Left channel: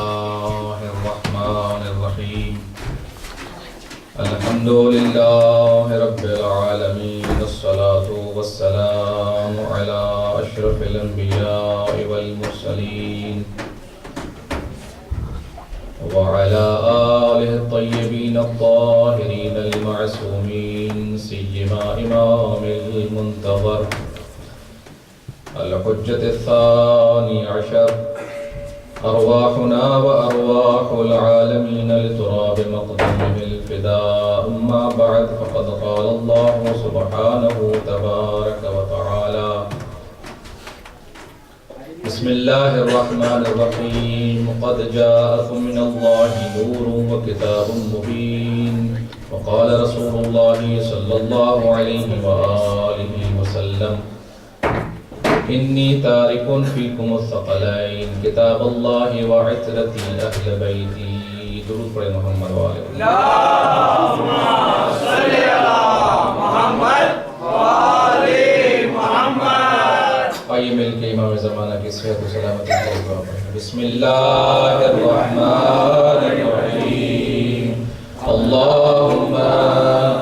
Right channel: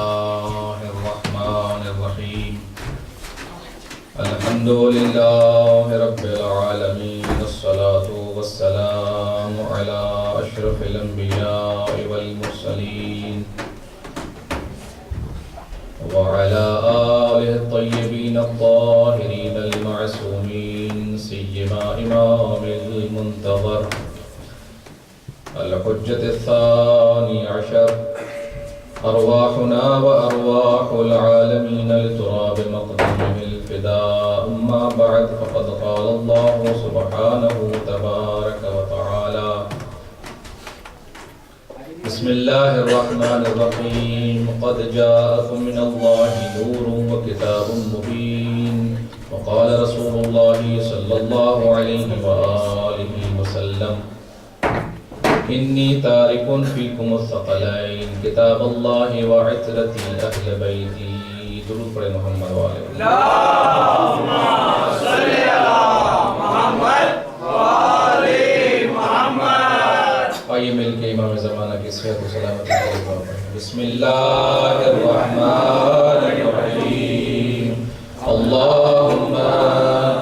الله الرحمن الرحيم الحمد لله رب العالمين والصلاة والسلام على أشرف الأنبياء والمرسلين وعلى آله الطيبين الطاهرين المعصومين سيما إمام المنتظر الحجة الثاني عشر أرواحنا وأرواح العالمين لتراب مقدمه الفداء. أما بعد فقد قال الله سبحانه تبارك وتعالى بسم الله الرحمن الرحيم قد جاءكم من الله نور وكتاب مبين. وقال رسول الله صلى الله عليه وآله وسلم إني تارك فيكم الثقلين كتاب الله وعترتي أهل بيتي. درود پڑھے محمد والے اللهم صل على محمد وآل محمد. آئیے مل کے امام زمانہ کی صحت و سلامتی کا دعا پڑھیں. بسم اللہ الرحمن الرحیم. اللهم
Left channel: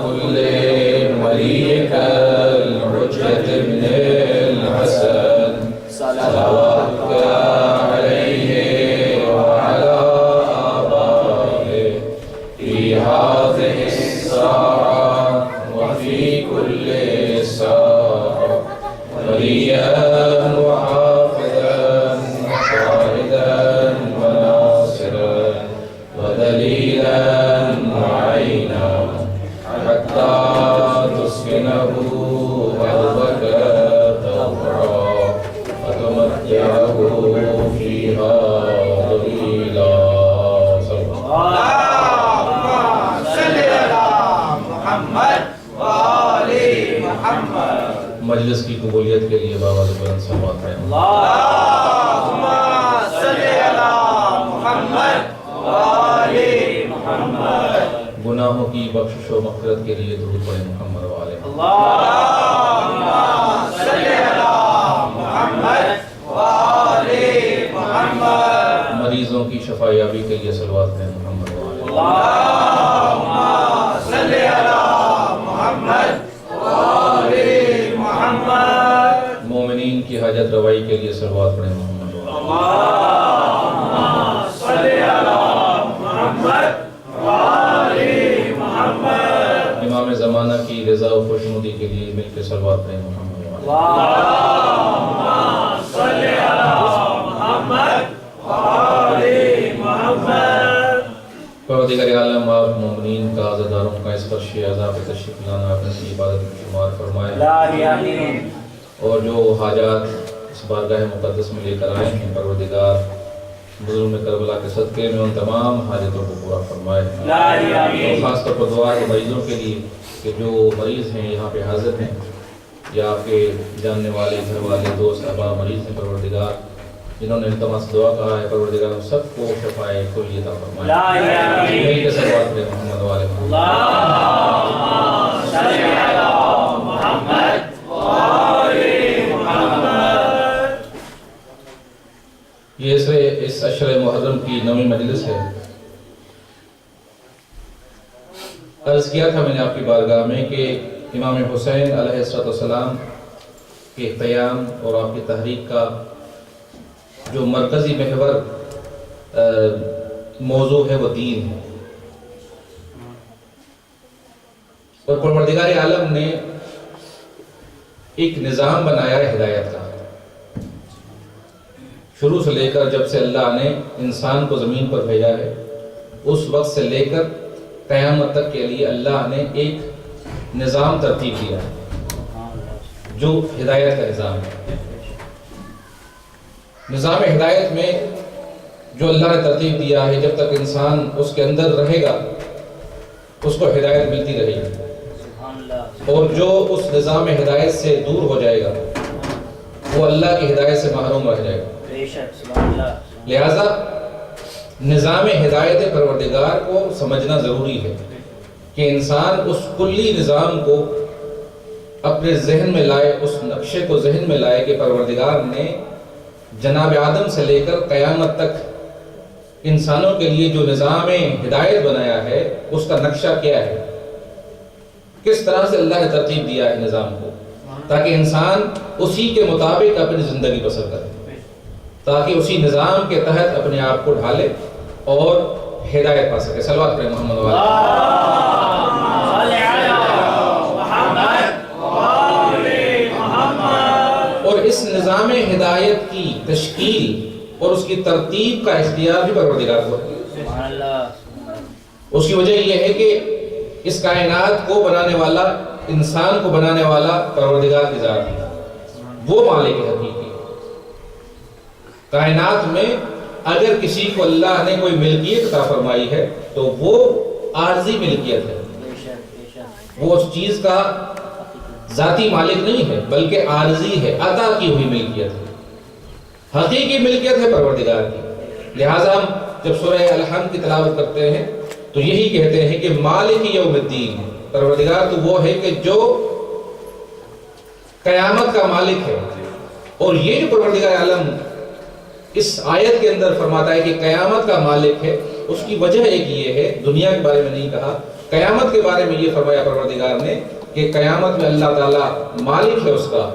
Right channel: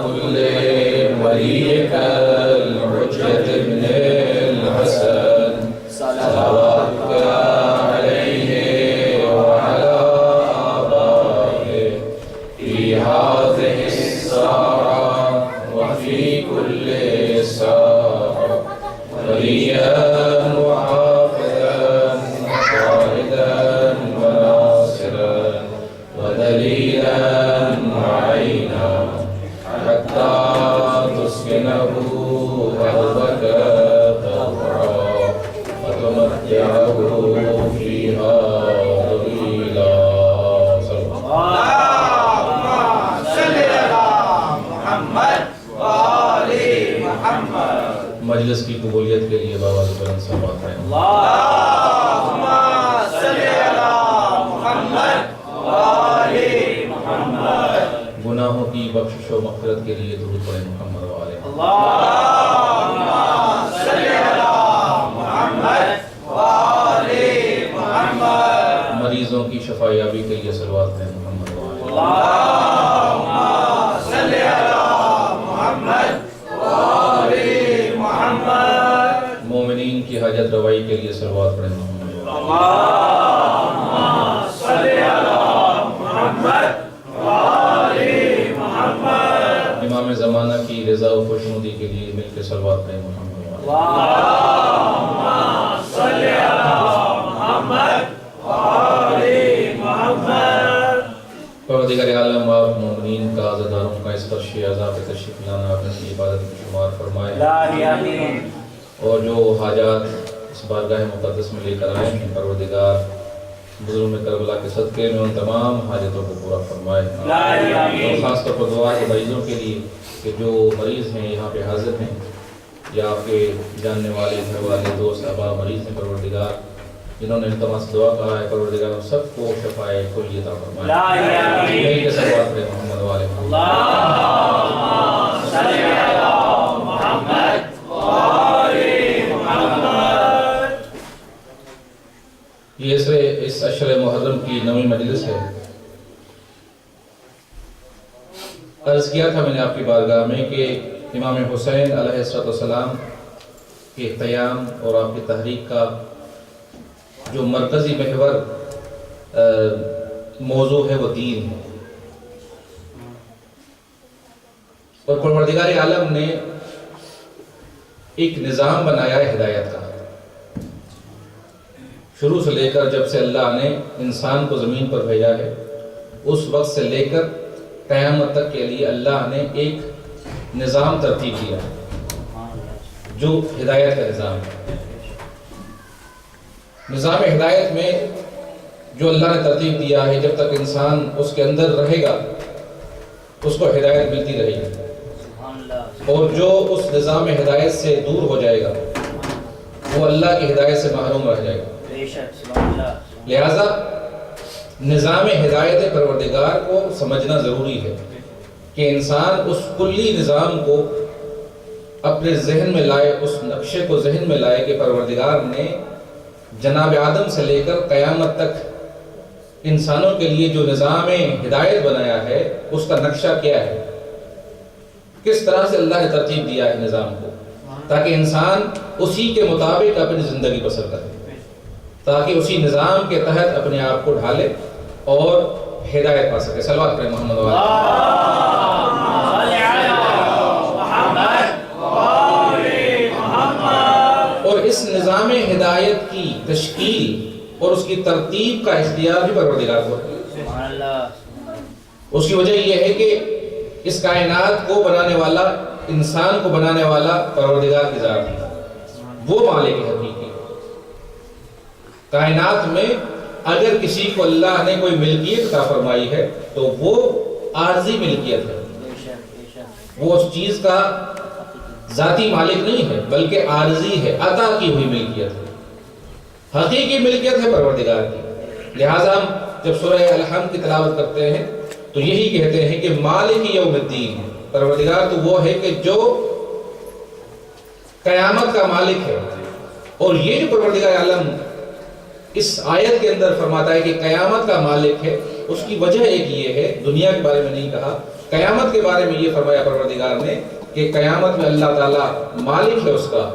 كل وليك الحجة ابن الحسن صلواتك عليه وعلى آبائه في هذه الساعة وفي كل ساعة وليا وحافظا وقائدا وناصرا ودليلا وعينا حتى تسكنه أرضك طوعا وتمتعه فيها طويلا. اللهم صل على محمد وآل محمد. مجلس کی قبولیت کے لیے بابا بلند صلوات ہیں. اللهم صل على محمد وآل محمد. گناہوں کی بخشش و مغفرت کے لیے درود پڑھیں محمد والے. اللهم صل على محمد وآل محمد. مریضوں کی شفا یابی کے لیے صلوات پڑھیں محمد والے. اللهم صل على محمد وآل محمد. مومنین کی حاجت روائی کے لیے صلوات پڑھیں محمد والے. اللهم صل على محمد وآل محمد. امام زمانہ کی رضا و خوشنودی کے لیے مل کے صلوات پڑھیں محمد والے. اللهم صل على محمد وآل محمد. پروردگار عالم آپ مومنین کا عزاداروں کا اس فرش عذاب تشریف لانا اپنی عبادت میں شمار فرمائے. آمین. اور جو حاجات اس بارگاہ مقدس میں لے کر آئے ہیں پروردگار بزرگ کربلا کے صدقے میں ان تمام حاجتوں کو پورا فرمائے. اور خاص طور پر دعا ہے مریضوں کے لیے کہ جو مریض ہیں یہاں پہ حاضر ہیں یا آپ کے جاننے والے گھر والے دوست احباب مریض ہیں پروردگار جنہوں نے التماس دعا کہا ہے پروردگار ان سب کو شفائے کلی عطا فرمائے. مل کے صلوات پڑھیں محمد والے. اللهم صل على محمد وآل محمد. یہ اس عشر محرم کی نویں مجلس ہے. عرض کیا تھا میں نے آپ کی بارگاہ میں کہ امام حسین علیہ السلام کے قیام اور آپ کی تحریک کا جو مرکزی محور موضوع ہے وہ دین ہے. اور پروردگار عالم نے ایک نظام بنایا ہے ہدایت کا. شروع سے لے کر جب سے اللہ نے انسان کو زمین پر بھیجا ہے اس وقت سے لے کر قیامت تک کے لیے اللہ نے ایک نظام ترتیب دیا ہے جو ہدایت کا نظام ہے. نظام ہدایت میں جو اللہ نے ترتیب دیا ہے جب تک انسان اس کے اندر رہے گا اس کو ہدایت ملتی رہے گی اور جو اس نظام ہدایت سے دور ہو جائے گا وہ اللہ کی ہدایت سے محروم رہ جائے گا. لہذا نظام ہدایت پروردگار کو سمجھنا ضروری ہے کہ انسان اس کلی نظام کو اپنے ذہن میں لائے، اس نقشے کو ذہن میں لائے کہ پروردگار نے جناب آدم سے لے کر قیامت تک انسانوں کے لیے جو نظام ہدایت بنایا ہے اس کا نقشہ کیا ہے، کس طرح سے اللہ نے ترتیب دیا ہے نظام کو، تاکہ انسان اسی کے مطابق اپنی زندگی بسر کرے، تاکہ اسی نظام کے تحت اپنے آپ کو ڈھالے اور ہدایت پا سکے۔ صلوات پڑھیں محمد وعلی محمد۔ اور اس نظام ہدایت کی تشکیل اور اس کی ترتیب کا اختیار بھی پروردگار کو ہے۔ اس کی وجہ یہ ہے کہ اس کائنات کو بنانے والا، انسان کو بنانے والا پروردگار کی ذات ہے، وہ مالک حقیقی۔ کائنات میں اگر کسی کو اللہ نے کوئی ملکیت عطا فرمائی ہے تو وہ عارضی ملکیت ہے، وہ اس چیز کا ذاتی مالک نہیں ہے بلکہ عارضی ہے، عطا کی ہوئی ملکیت ہے۔ حقیقی ملکیت ہے پروردگار کی۔ لہٰذا ہم جب سورہ الحمد کی تلاوت کرتے ہیں تو یہی کہتے ہیں کہ مالک یوم الدین، پروردگار تو وہ ہے کہ جو قیامت کا مالک ہے۔ اور یہ جو پروردگار عالم اس آیت کے اندر فرماتا ہے کہ قیامت کا مالک ہے، اس کی وجہ ایک یہ ہے، دنیا کے بارے میں نہیں کہا، قیامت کے بارے میں یہ فرمایا پروردگار نے کہ قیامت میں اللہ تعالیٰ مالک ہے، اس کا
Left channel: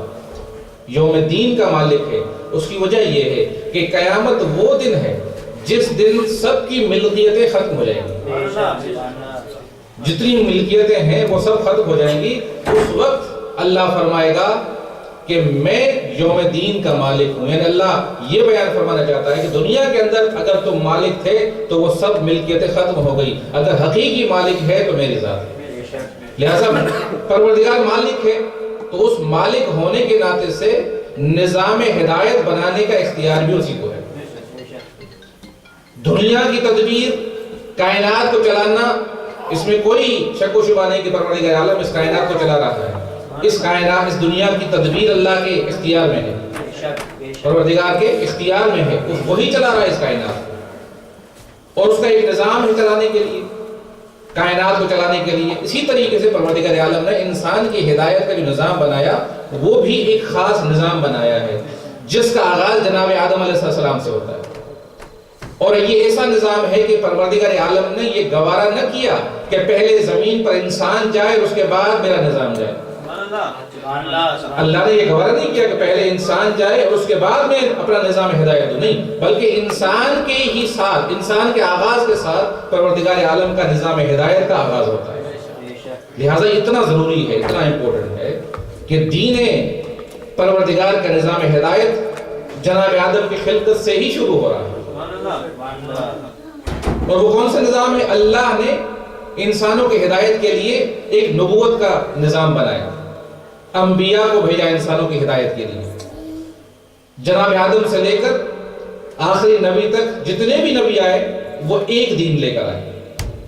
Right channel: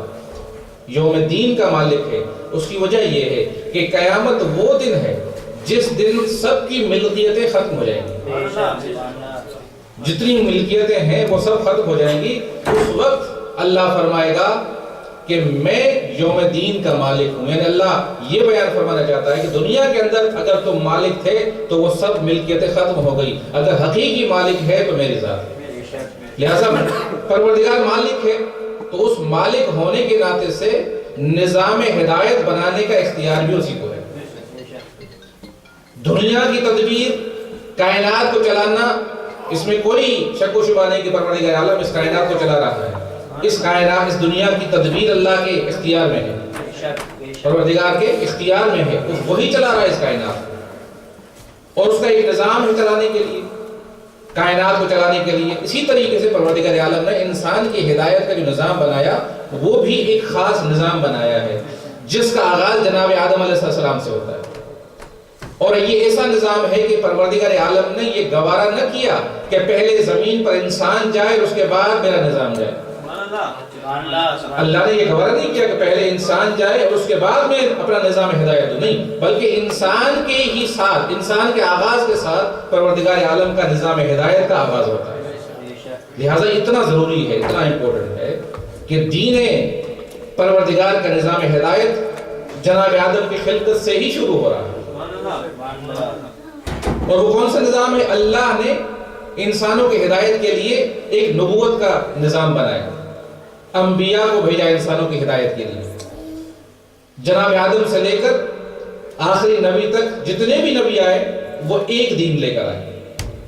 یوم الدین کا مالک ہے۔ اس کی وجہ یہ ہے کہ قیامت وہ دن ہے جس دن سب کی ملکیتیں ختم ہو جائیں گی، جتنی ملکیتیں ہیں وہ سب ختم ہو جائیں گی۔ اس وقت اللہ فرمائے گا کہ میں یوم دین کا مالک ہوں، یعنی اللہ یہ بیان فرمانا چاہتا ہے کہ دنیا کے اندر اگر تم مالک تھے تو وہ سب ملکیتیں ختم ہو گئی، اگر حقیقی مالک ہے تو میری ذات ہے۔ لہذا پروردگار مالک ہے تو اس مالک ہونے کے ناطے سے نظام ہدایت بنانے کا اختیار بھی اسی کو ہے۔ دنیا کی تدبیر، کائنات کو چلانا، اس میں کوئی شک و شبہ نہیں کہ پروردگار عالم اس کائنات کو چلا رہا ہے۔ اس کائنات، اس دنیا کی تدبیر اللہ کے اختیار میں ہے، پروردگار کے اختیار میں ہے، وہی چلا رہا ہے اس کائنات، اور اس کا ایک نظام ہے چلانے کے لیے، کائنات کو چلانے کے لیے۔ اسی طریقے سے پروردگار عالم نے انسان کی ہدایت کا جو نظام بنایا وہ بھی ایک خاص نظام بنایا ہے، جس کا آغاز جناب آدم علیہ السلام سے ہوتا ہے۔ اور یہ ایسا نظام ہے کہ پروردگار عالم نے یہ گوارا نہ کیا کہ پہلے زمین پر انسان جائے اور اس کے بعد میرا نظام جائے۔ اللہ نے یہ گوارا نہیں کیا کہ پہلے انسان جائے اور اس کے بعد میں اپنا نظام ہدایت دوں، نہیں، بلکہ انسان کے ہی ساتھ، انسان کے آغاز کے ساتھ پروردگار عالم کا نظام ہدایت کا آغاز ہوتا ہے۔ لہٰذا اتنا ضروری ہے، اتنا امپورٹنٹ ہے کہ دین پروردگار کا نظام ہدایت جناب آدم کی خلقت سے ہی شروع ہو رہا ہے۔ اور وہ کون سا نظام ہے؟ اللہ نے انسانوں کی ہدایت کے لیے ایک نبوت کا نظام بنایا، انبیاء کو بھیجا انسانوں کی ہدایت کے لیے۔ جناب آدم سے لے کر آخری نبی تک جتنے بھی نبی آئے وہ ایک دین لے کر آئے،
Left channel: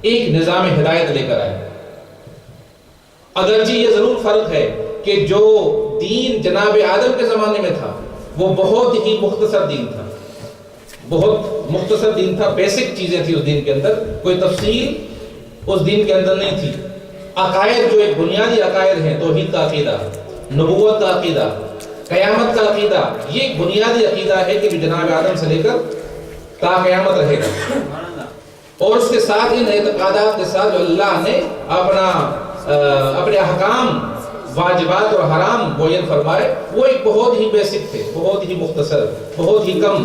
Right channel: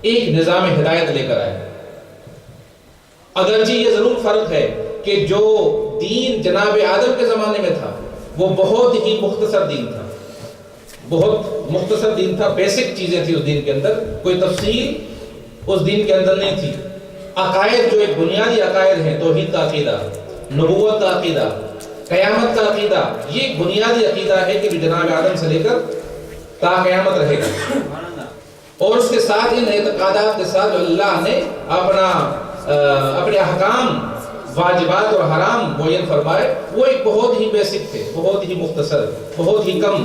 ایک نظام ہدایت لے کر آئے۔ اگرچہ یہ ضرور فرق ہے کہ جو دین جناب آدم کے زمانے میں تھا وہ بہت ہی مختصر دین تھا، بہت مختصر دین تھا، بیسک چیزیں تھی اس دین کے اندر، کوئی تفصیل اس دین کے اندر نہیں تھی۔ عقائد جو ایک بنیادی عقائد ہیں، توحید کا عقیدہ، نبوت کا عقیدہ، قیامت کا عقیدہ، یہ ایک بنیادی عقیدہ ہے کہ جناب آدم سے لے کر تا قیامت رہے گا۔ اور اس کے ساتھ ان اعتقادات کے ساتھ جو اللہ نے اپنے احکام، واجبات اور حرام معین فرمائے، وہ ایک بہت ہی بیسک تھے، بہت ہی مختصر، بہت ہی کم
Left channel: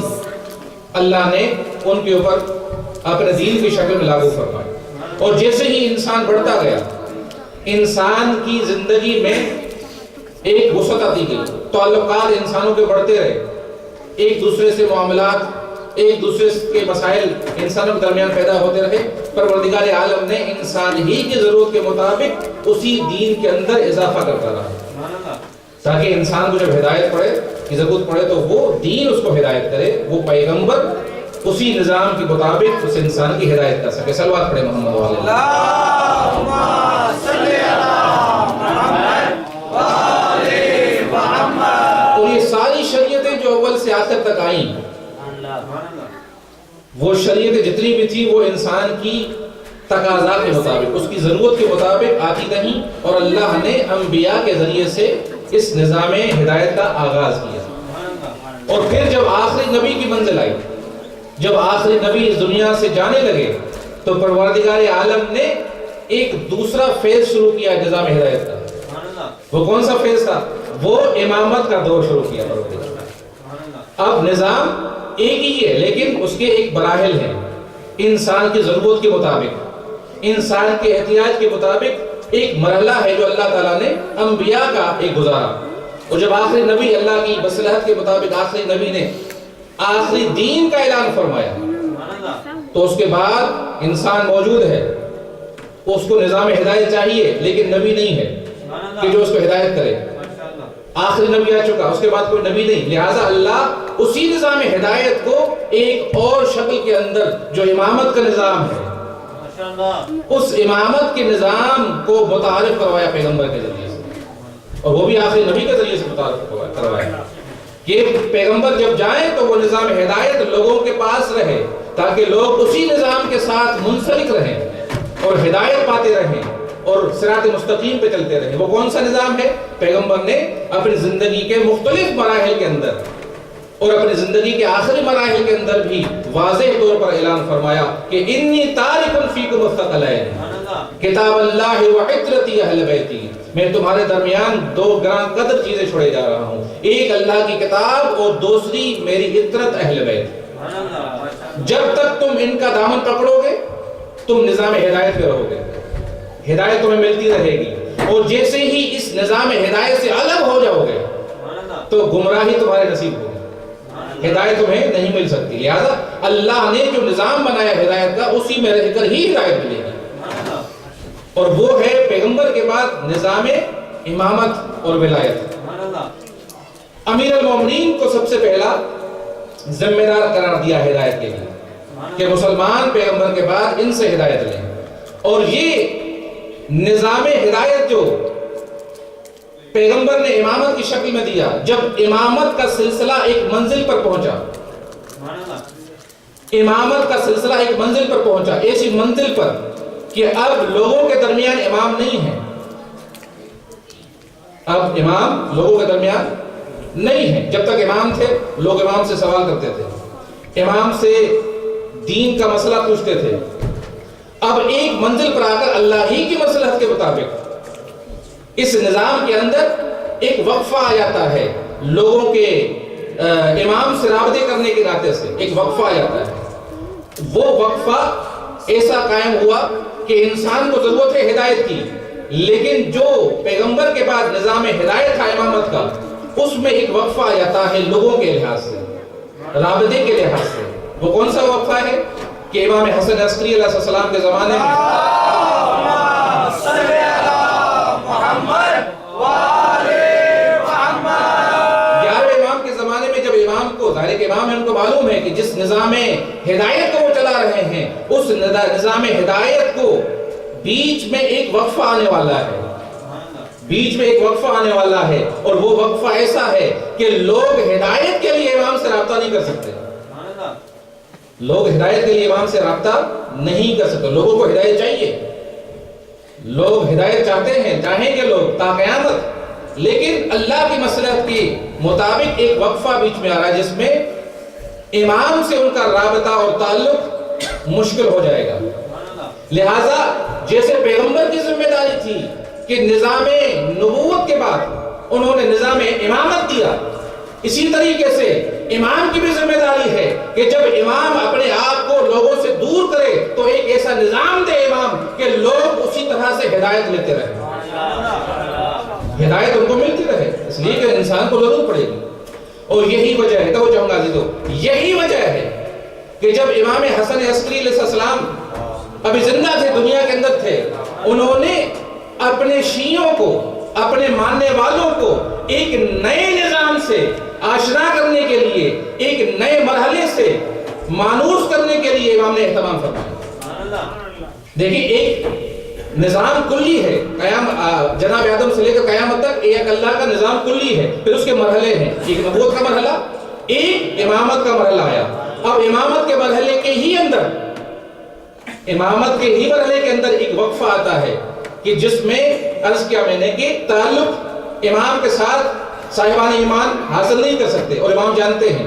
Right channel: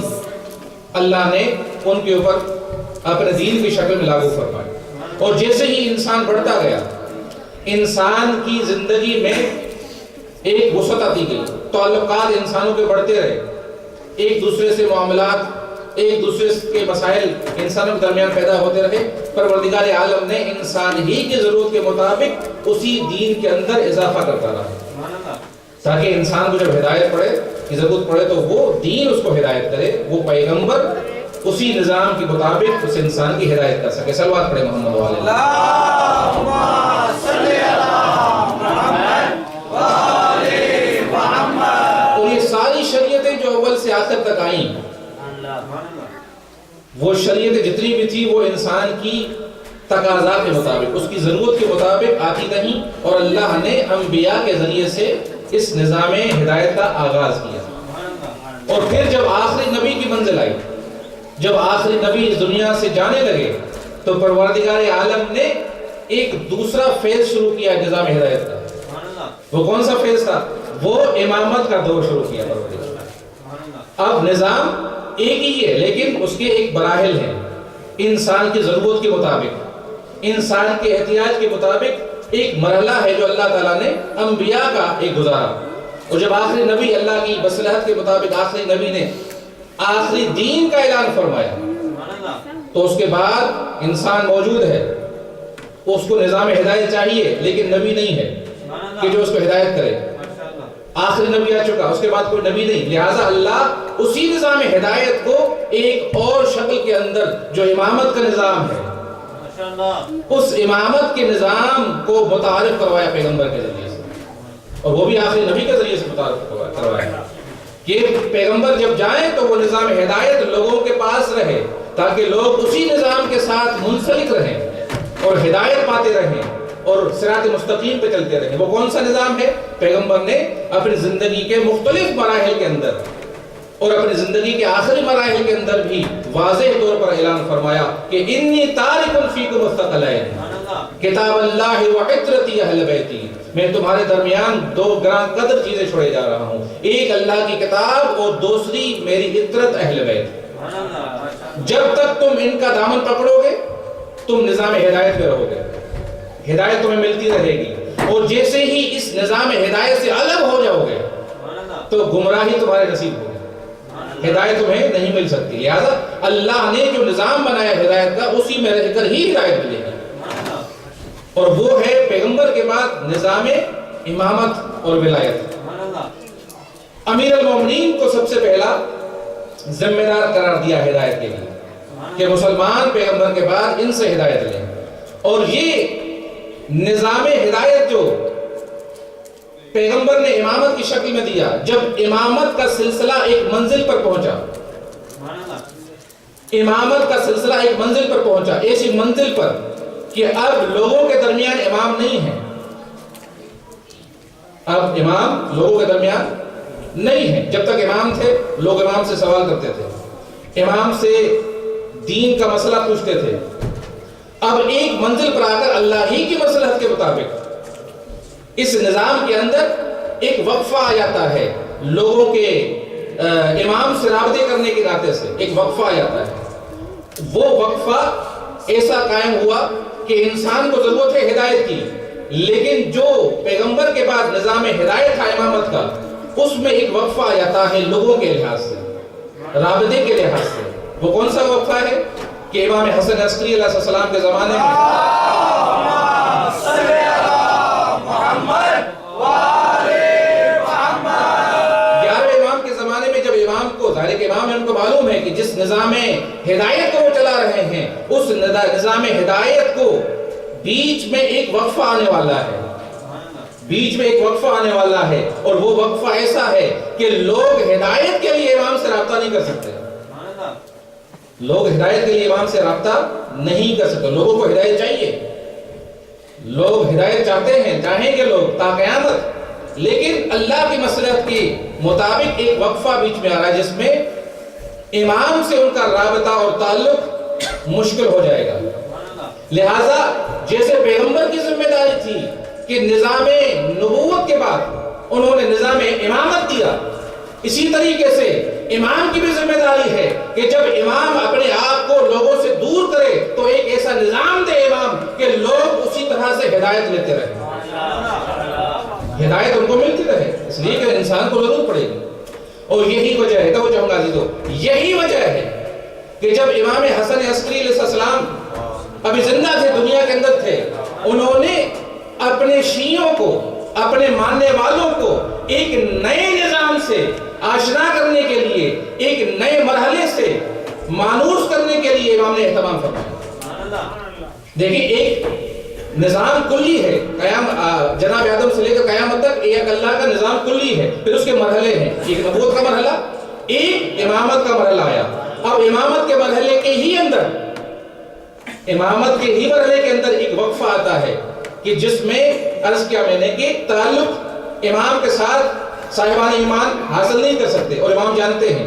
اللہ نے ان کے اوپر اپنے دین کی شکل میں لاگو فرمائے۔ اور جیسے ہی انسان بڑھتا گیا، انسان کی زندگی میں ایک وسعت آتی گئی، تعلقات انسانوں کے بڑھتے رہے، ایک دوسرے سے معاملات، ایک دوسرے کے مسائل انسانوں کے درمیان پیدا ہوتے رہے۔ پروردگار عالم نے انسان ہی کی ضرورت کے مطابق اسی دین کے اندر اضافہ کرتا رہا، تاکہ انسان کو جب ہدایت پڑے کی ضرورت پڑے تو وہ دین اس کو ہدایت کرے، وہ پیغمبر اسی نظام کے مطابق اس انسان کی ہدایت کر سکے۔ صلوات پڑھیں محمد وعلی اللہم صلی علی محمد وآلِ محمد۔ اور یہ ساری شریعتیں جو اول سے آخر تک آئیں، وہ شریعتیں جتنی بھی تھی وہ انسان کی تقاضا کے مطابق، اس کی ضرورت کے مطابق آتی رہیں، اور اللہ نے انبیاء کے ذریعے سے اس نظام ہدایت کا آغاز کیا۔ اور پھر جب آخری نبی کی منزل آئی، جب آخری نبی اس دنیا سے جانے لگے تو پروردگار عالم نے ایک دوسرا فیز شروع کیا نظام ہدایت کا. وہ کون سا فیز تھا؟ وہ امامت کا دور شروع کیا پروردگار. اب نظام ایک ہی ہے لیکن اس کے ایک مراحل ہیں. انسان کی ضرورت کے مطابق، انسان کے احتیاج کے مطابق ایک مرحلہ ہے جو اللہ تعالیٰ نے انبیاء کا ایک گزارا. اور جب آخری نبی اللہ کی مصلحت کے مطابق آخری نبی نے آخری دین کا اعلان فرمایا تو اس کے بعد انسان موجود ہے، اس کو نظام ہدایت چاہیے لیکن نبی نہیں ہے کہ جو اس کو ہدایت کرے. آخری نبی آ چکا، اس کے بعد کوئی نبی نہیں، لہٰذا اللہ اسی نظام ہدایت کو ایک اور شکل کے اندر جو امامت کا نظام ہے اس امامت کے نظام کو متعارف کروایا پیغمبر کے ذریعے سے، اور وہ بھی آخری نبی کے ذریعے سے متعارف کروایا کہ پیغمبر جب جائیں تو وہ نظام ہدایت لوگوں کے پاس رہے تاکہ لوگ اسی نظام کے ساتھ منسلک رہیں اور ہدایت پاتے رہیں اور صراط مستقیم پہ چلتے رہیں. وہ کون سا نظام ہے؟ پیغمبر نے اپنی زندگی کے مختلف مراحل کے اندر اور اپنی زندگی کے آخری مراحل کے اندر بھی واضح طور پر اعلان فرمایا کہ انی تارک فیکم الثقلین کتاب اللہ و عطرتی اہل بیتی. میں تمہارے درمیان دو گران قدر چیزیں چھوڑے جا رہا ہوں، ایک اللہ کی کتاب اور دوسری میری عطرت اہل بیت. جب تک تم ان کا دامن پکڑو گے تم نظام ہدایت پہ رہو گے، ہدایت تمہیں ملتی رہے گی. اور جیسے ہی اس نظام ہدایت سے الگ ہو جاؤ گے تو گمراہی تمہارے نصیب ہوگی، ہدایت تمہیں نہیں مل سکتی. لہذا اللہ نے جو نظام بنایا ہدایت کا اسی میں رہ کر ہی ہدایت ملے گی، اور وہ ہے پیغمبر کے بعد نظام امامت اور ولایت. امیر المومنین کو سب سے پہلا ذمہ دار قرار دیا ہدایت کے لیے کہ مسلمان پیغمبر کے بعد ان سے ہدایت لیں. اور یہ نظام ہدایت جو پیغمبر نے امامت کی شکل میں دیا، جب امامت کا سلسلہ ایک منزل پر پہنچا، امامت کا سلسلہ ایک منزل پر پہنچا، ایسی منزل پر کہ اب لوگوں کے درمیان امام نہیں ہے، اب امام لوگوں کے درمیان نہیں ہے. جب تک امام تھے لوگ امام سے سوال کرتے تھے، امام سے دین کا مسئلہ پوچھتے تھے. اب ایک منزل پر آ کر اللہ ہی کی مصلحت کے مطابق اس نظام کے اندر ایک وقفہ آ جاتا ہے، لوگوں کے امام سے رابطے کرنے کے راستے سے ایک وقفہ آ جاتا ہے. وہ وقفہ ایسا قائم ہوا کہ انسان کو ضرورت ہے ہدایت کی، لیکن جو پیغمبر کے بعد نظام ہدایت تھا امامت کا اس میں ایک وقفہ آ جاتا ہے لوگوں کے لحاظ سے، رابطے کے لحاظ سے. وہ کون سا وقفہ ہے کہ امام حسن عسکری علیہ السلام کے زمانے میں 11ویں امام کے زمانے میں جب امام کو ظاہر کہ امام ہے ان کو معلوم ہے کہ جس نظام ہدایت کو وہ چلا رہے ہیں اس نظام ہدایت کو بیچ میں ایک وقفہ آنے والا ہے، بیچ میں ایک وقفہ آنے والا ہے، اور وہ وقفہ ایسا ہے کہ لوگ ہدایت کے لیے امام سے رابطہ نہیں کر سکتے. لوگ ہدایت کے لیے امام سے رابطہ نہیں کر سکتے. لوگوں کو ہدایت چاہیے، لوگ ہدایت چاہتے ہیں، چاہیں گے لوگ تا قیامت، لیکن اللہ کی مصلحت کے مطابق ایک وقفہ بیچ میں آ رہا ہے جس میں امام سے ان کا رابطہ اور تعلق مشکل ہو جائے گا. لہٰذا جیسے پیغمبر کی ذمہ داری تھی کہ نظام نبوت کے بعد انہوں نے نظام امامت دیا، اسی طریقے سے امام کی بھی ذمہ داری ہے کہ جب امام اپنے آپ کو لوگوں سے دور کرے تو ایک ایسا نظام دے امام کہ لوگ اسی طرح سے ہدایت لیتے رہے، ہدایت ان کو ملتی رہے. اس لیے کہ انسان کو ضرورت پڑے گی. اور یہی وجہ ہے، تو چاہوں گا عزیزو، یہی وجہ ہے کہ جب امام حسن عسکری علیہ السلام ابھی زندہ تھے، دنیا کے اندر تھے، انہوں نے اپنے شیعوں کو، اپنے ماننے والوں کو ایک نئے نظام سے آشنا کرنے کے لیے، ایک نئے مرحلے سے مانوس کرنے کے لیے امام نے اہتمام فرمایا. دیکھیں ایک نظام کلی ہے، جناب آدم سے لے کر قیامت تک ایک اللہ کا نظام کلی ہے، پھر اس کے مرحلے ہیں، ایک نبوت کا مرحلہ، ایک امامت کا مرحلہ آیا. اب امامت کے مرحلے کے ہی اندر، امامت کے ہی مرحلے کے اندر ایک وقفہ آتا ہے کہ جس میں عرض کیا میں نے کہ تعلق امام کے ساتھ صاحبان ایمان حاصل نہیں کر سکتے. اور امام جانتے ہیں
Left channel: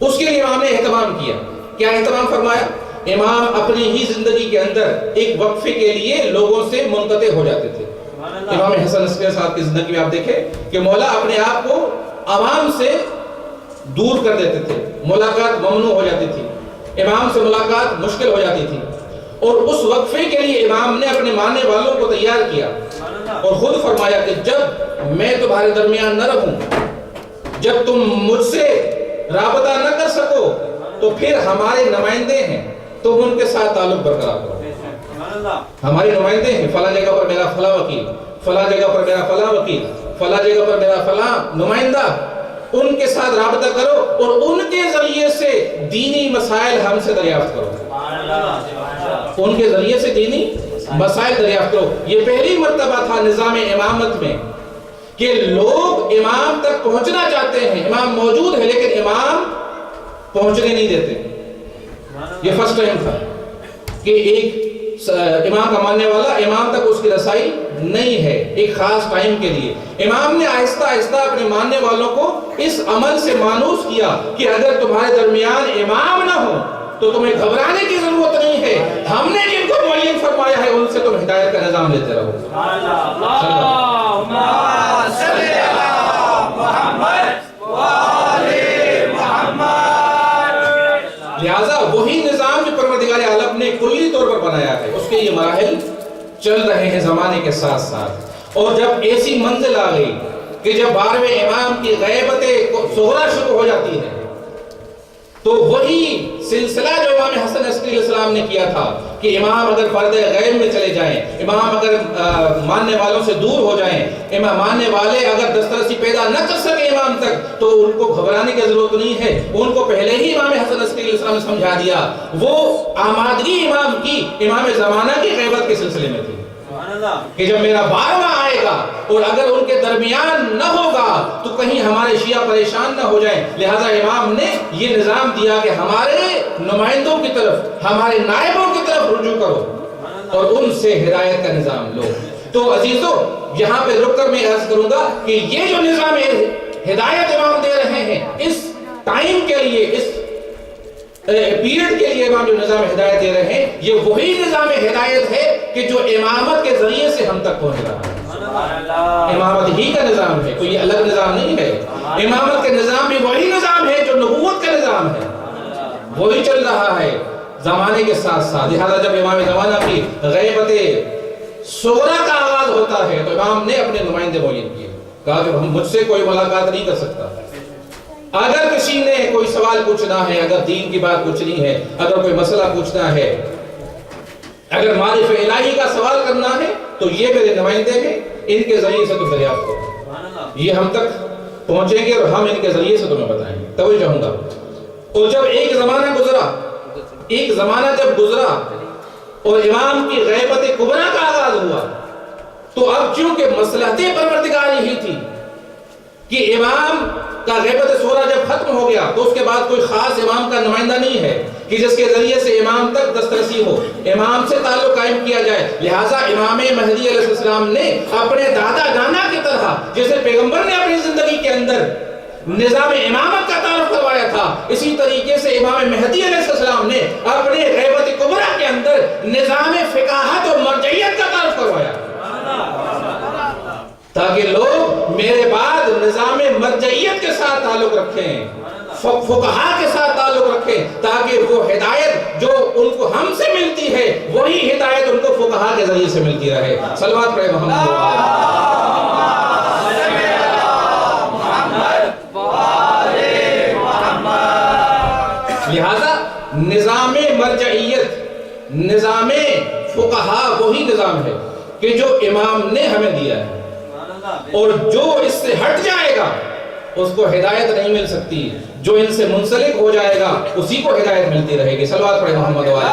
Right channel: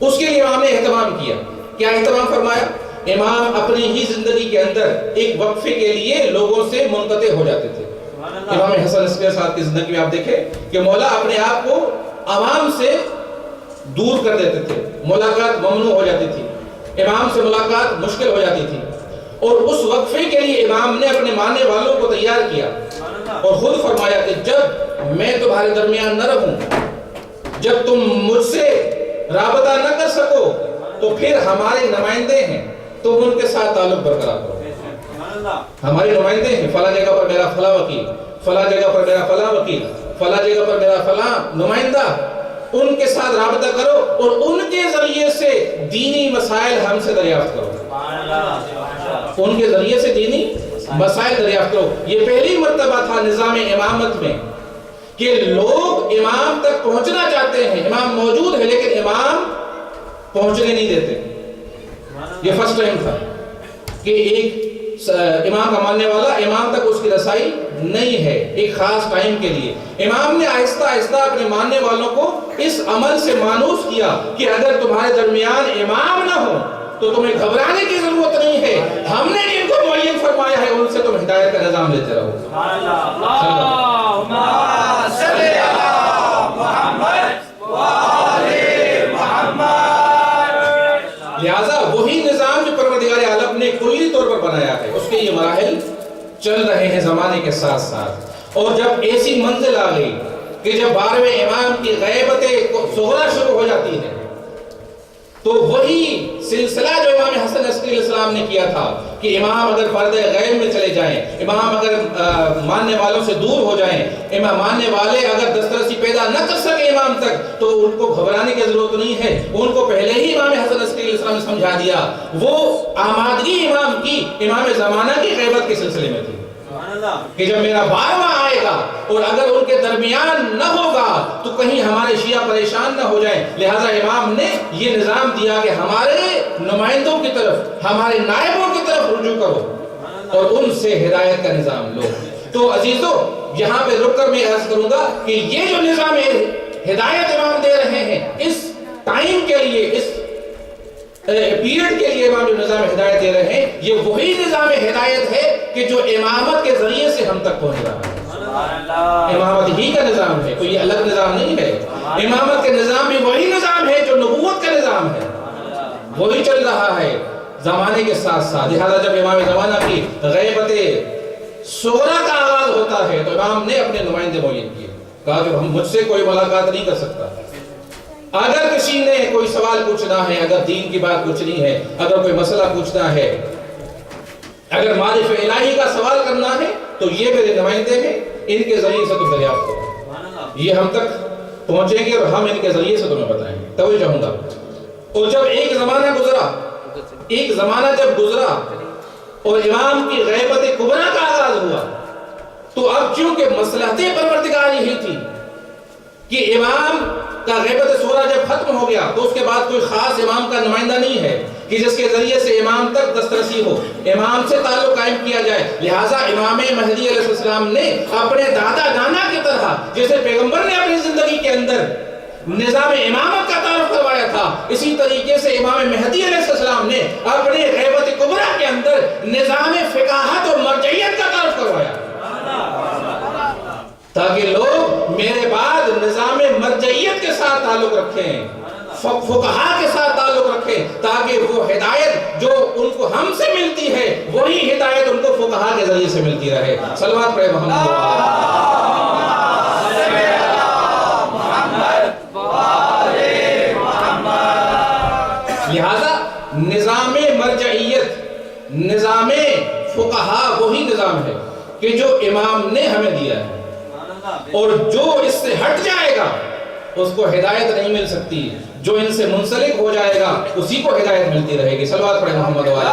اس کے لیے امام نے اہتمام کیا. کیا اہتمام فرمایا؟ امام اپنی ہی زندگی کے اندر ایک وقفے کے لیے لوگوں سے منقطع ہو جاتے تھے. امام حسن عسکری صاحب کی زندگی میں آپ دیکھیں کہ مولا اپنے آپ کو عوام سے دور کر دیتے تھے، ملاقات ممنوع ہو جاتی تھی، امام سے ملاقات مشکل ہو جاتی تھی. اور اس وقفے کے لیے امام نے اپنے ماننے والوں کو تیار کیا اور خود فرمایا کہ جب میں تمہارے درمیان نہ رہوں، جب تم مجھ سے رابطہ نہ کر سکو، تو پھر ہمارے نمائندے ہیں، تم ان کے ساتھ تعلق برقرار کرو. ہمارے نمائندے ہیں، فلاں جگہ پر میرا فلاں وکیل، فلاں جگہ پر میرا فلاں وکیل، فلاں جگہ پر میرا فلاں نمائندہ، ان کے ساتھ رابطہ کرو اور ان کے ذریعے سے دینی مسائل ہم سے دریافت کرو. ان کے ذریعے سے دینی مسائل دریافت کرو. یہ پہلی مرتبہ تھا نظام امامت میں کہ لوگ امام تک پہنچنا چاہتے ہیں، امام موجود ہے لیکن امام پہنچنے نہیں دیتے. یہ فرسٹ ٹائم تھا کہ ایک امام کا ماننے والا امام تک اس کی رسائی نہیں ہے ایک خاص ٹائم کے لیے. امام نے آہستہ آہستہ اپنے ماننے والوں کو اس عمل سے مانوس کیا کہ اگر تمہارے درمیان امام نہ ہو تو تمہیں گھبرانے کی ضرورت نہیں ہے، ہم نے جن کو معین فرمایا ہے ان سے تم ہدایت کا نظام لیتے رہو. لہذا وہی نظام جو پروردگار عالم نے کلی طور پر بنایا ہے، اس کے یہ مراحل چل رہے ہیں زمانے کے ساتھ ساتھ. اور جب ایسی منزل آ گئی کہ جب 12ویں امام کی غیبت صغریٰ شروع ہو جاتی ہے، تو وہی سلسلہ جو امام حسن عسکری علیہ السلام نے کیا تھا کہ امام اگر پردہ غیب میں چلے جائیں، امام اگر ماننے والوں سے دور ہو جائیں، امام ماننے والے اگر دسترسی پیدا نہ کر سکے امام تک، تو ان کو گھبرانے کی ضرورت نہیں ہے. ان کو پہلے ہی امام حسن عسکری علیہ السلام نے سمجھا دیا. وہ آمادگی امام کی امام زمانہ کی غیبت کے سلسلے میں تھی کہ جب میرا 12واں آئے گا اور اگر ان کے درمیان نہ ہوگا تو کہیں ہمارے شیعہ پریشان نہ ہو جائیں. لہٰذا امام نے یہ نظام دیا کہ ہمارے نمائندوں کی طرف، ہمارے نائبوں کی طرف رجوع کرو اور ان سے ہدایت کا نظام لو. تو عزیزو، یہاں پہ رک کر میں عرض کروں گا کہ یہ جو نظام ہدایت امام دے رہے ہیں، اس ٹائم کے لیے، اس پیریڈ کے لیے امام جو نظام ہدایت دے رہے ہیں، یہ وہی نظام ہدایت ہے کہ جو امامت کے ذریعے سے ہم تک پہنچ رہا ہے. امامت ہی کا نظام ہے، کوئی الگ نظام نہیں ہے. امامت کا نظام بھی وہی نظام ہے جو نبوت کا نظام ہے، وہی چل رہا ہے زمانے کے ساتھ ساتھ. لہذا جب امام زمانہ کی غیبت صغریٰ کا آغاز ہوتا ہے تو امام نے اپنے نمائندے معین کیے، کہا کہ مجھ سے کوئی ملاقات نہیں کر سکتا. اگر کسی نے کوئی سوال پوچھنا ہے، اگر دین کی بات پوچھنی ہے، اگر کوئی مسئلہ پوچھنا ہے، اگر معرفت الہی کا سوال کرنا ہے، تو یہ میرے نمائندے ہیں، ان کے ذریعے سے تم دریافت کرو. یہ ہم تک پہنچیں گے اور ہم ان کے ذریعے سے تمہیں بتائیں گے. توجہ چاہوں گا. اور جب ایک زمانہ جب گزرا اور امام کی غیبت کبریٰ کا آغاز ہوا، تو اب چونکہ مصلحت پروردگار ہی تھی کہ امام کا غیبت صغریٰ جب ختم ہو گیا تو اس کے بعد کوئی خاص امام کا نمائندہ نہیں ہے کہ جس کے ذریعے سے امام تک دسترسی ہو، امام سے تعلق قائم کیا جائے. لہٰذا امام مہدی علیہ السلام نے اپنے دادا نانا کی طرح، جیسے پیغمبر نے اپنی زندگی کے اندر نظام امامت کا تعارف کروایا تھا، اسی طریقے سے امام مہدی علیہ السلام نے اپنے غیبت کبریٰ کے اندر نظام فقاہت اور مرجعیت کا تعارف کروایا، تاکہ لوگ میرے بعد نظام مرجعیت کے ساتھ تعلق رکھیں، فقہا کے ساتھ تعلق رکھیں، تاکہ وہ ہدایت جو ان کو ہم سے ملتی ہے وہی ہدایت ان کو فقہا کے ذریعے سے ملتی رہے. صلوات پڑھیں محمد. لہذا نظام مرجعیت، نظام فقہا وہی نظام ہے کہ جو امام نے ہمیں دیا ہے، اور جو اس سے ہٹ جائے گا اس کو ہدایت نہیں مل سکتی. جو ان سے منسلک ہو جائے گا اسی کو ہدایت ملتی رہے گی. صلوات پڑھیں محمد والے.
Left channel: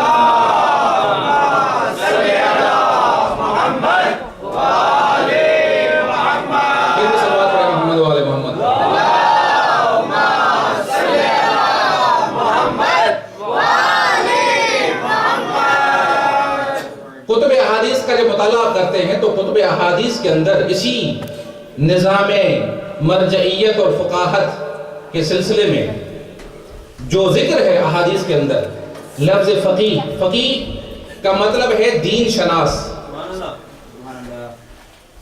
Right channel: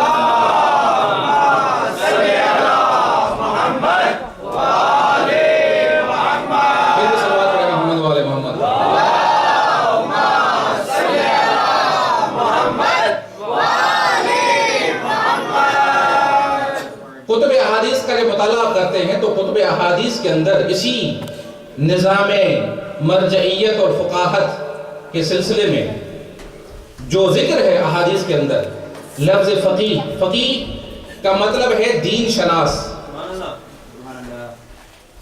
صلوات پڑھیں محمد والے محمد. کتب احادیث کا جب مطالعہ کرتے ہیں تو کتب احادیث کے اندر اسی نظام مرجعیت اور فقاہت کے سلسلے میں جو ذکر ہے احادیث کے اندر لفظ فقیہ، فقیہ کا مطلب ہے دین شناس.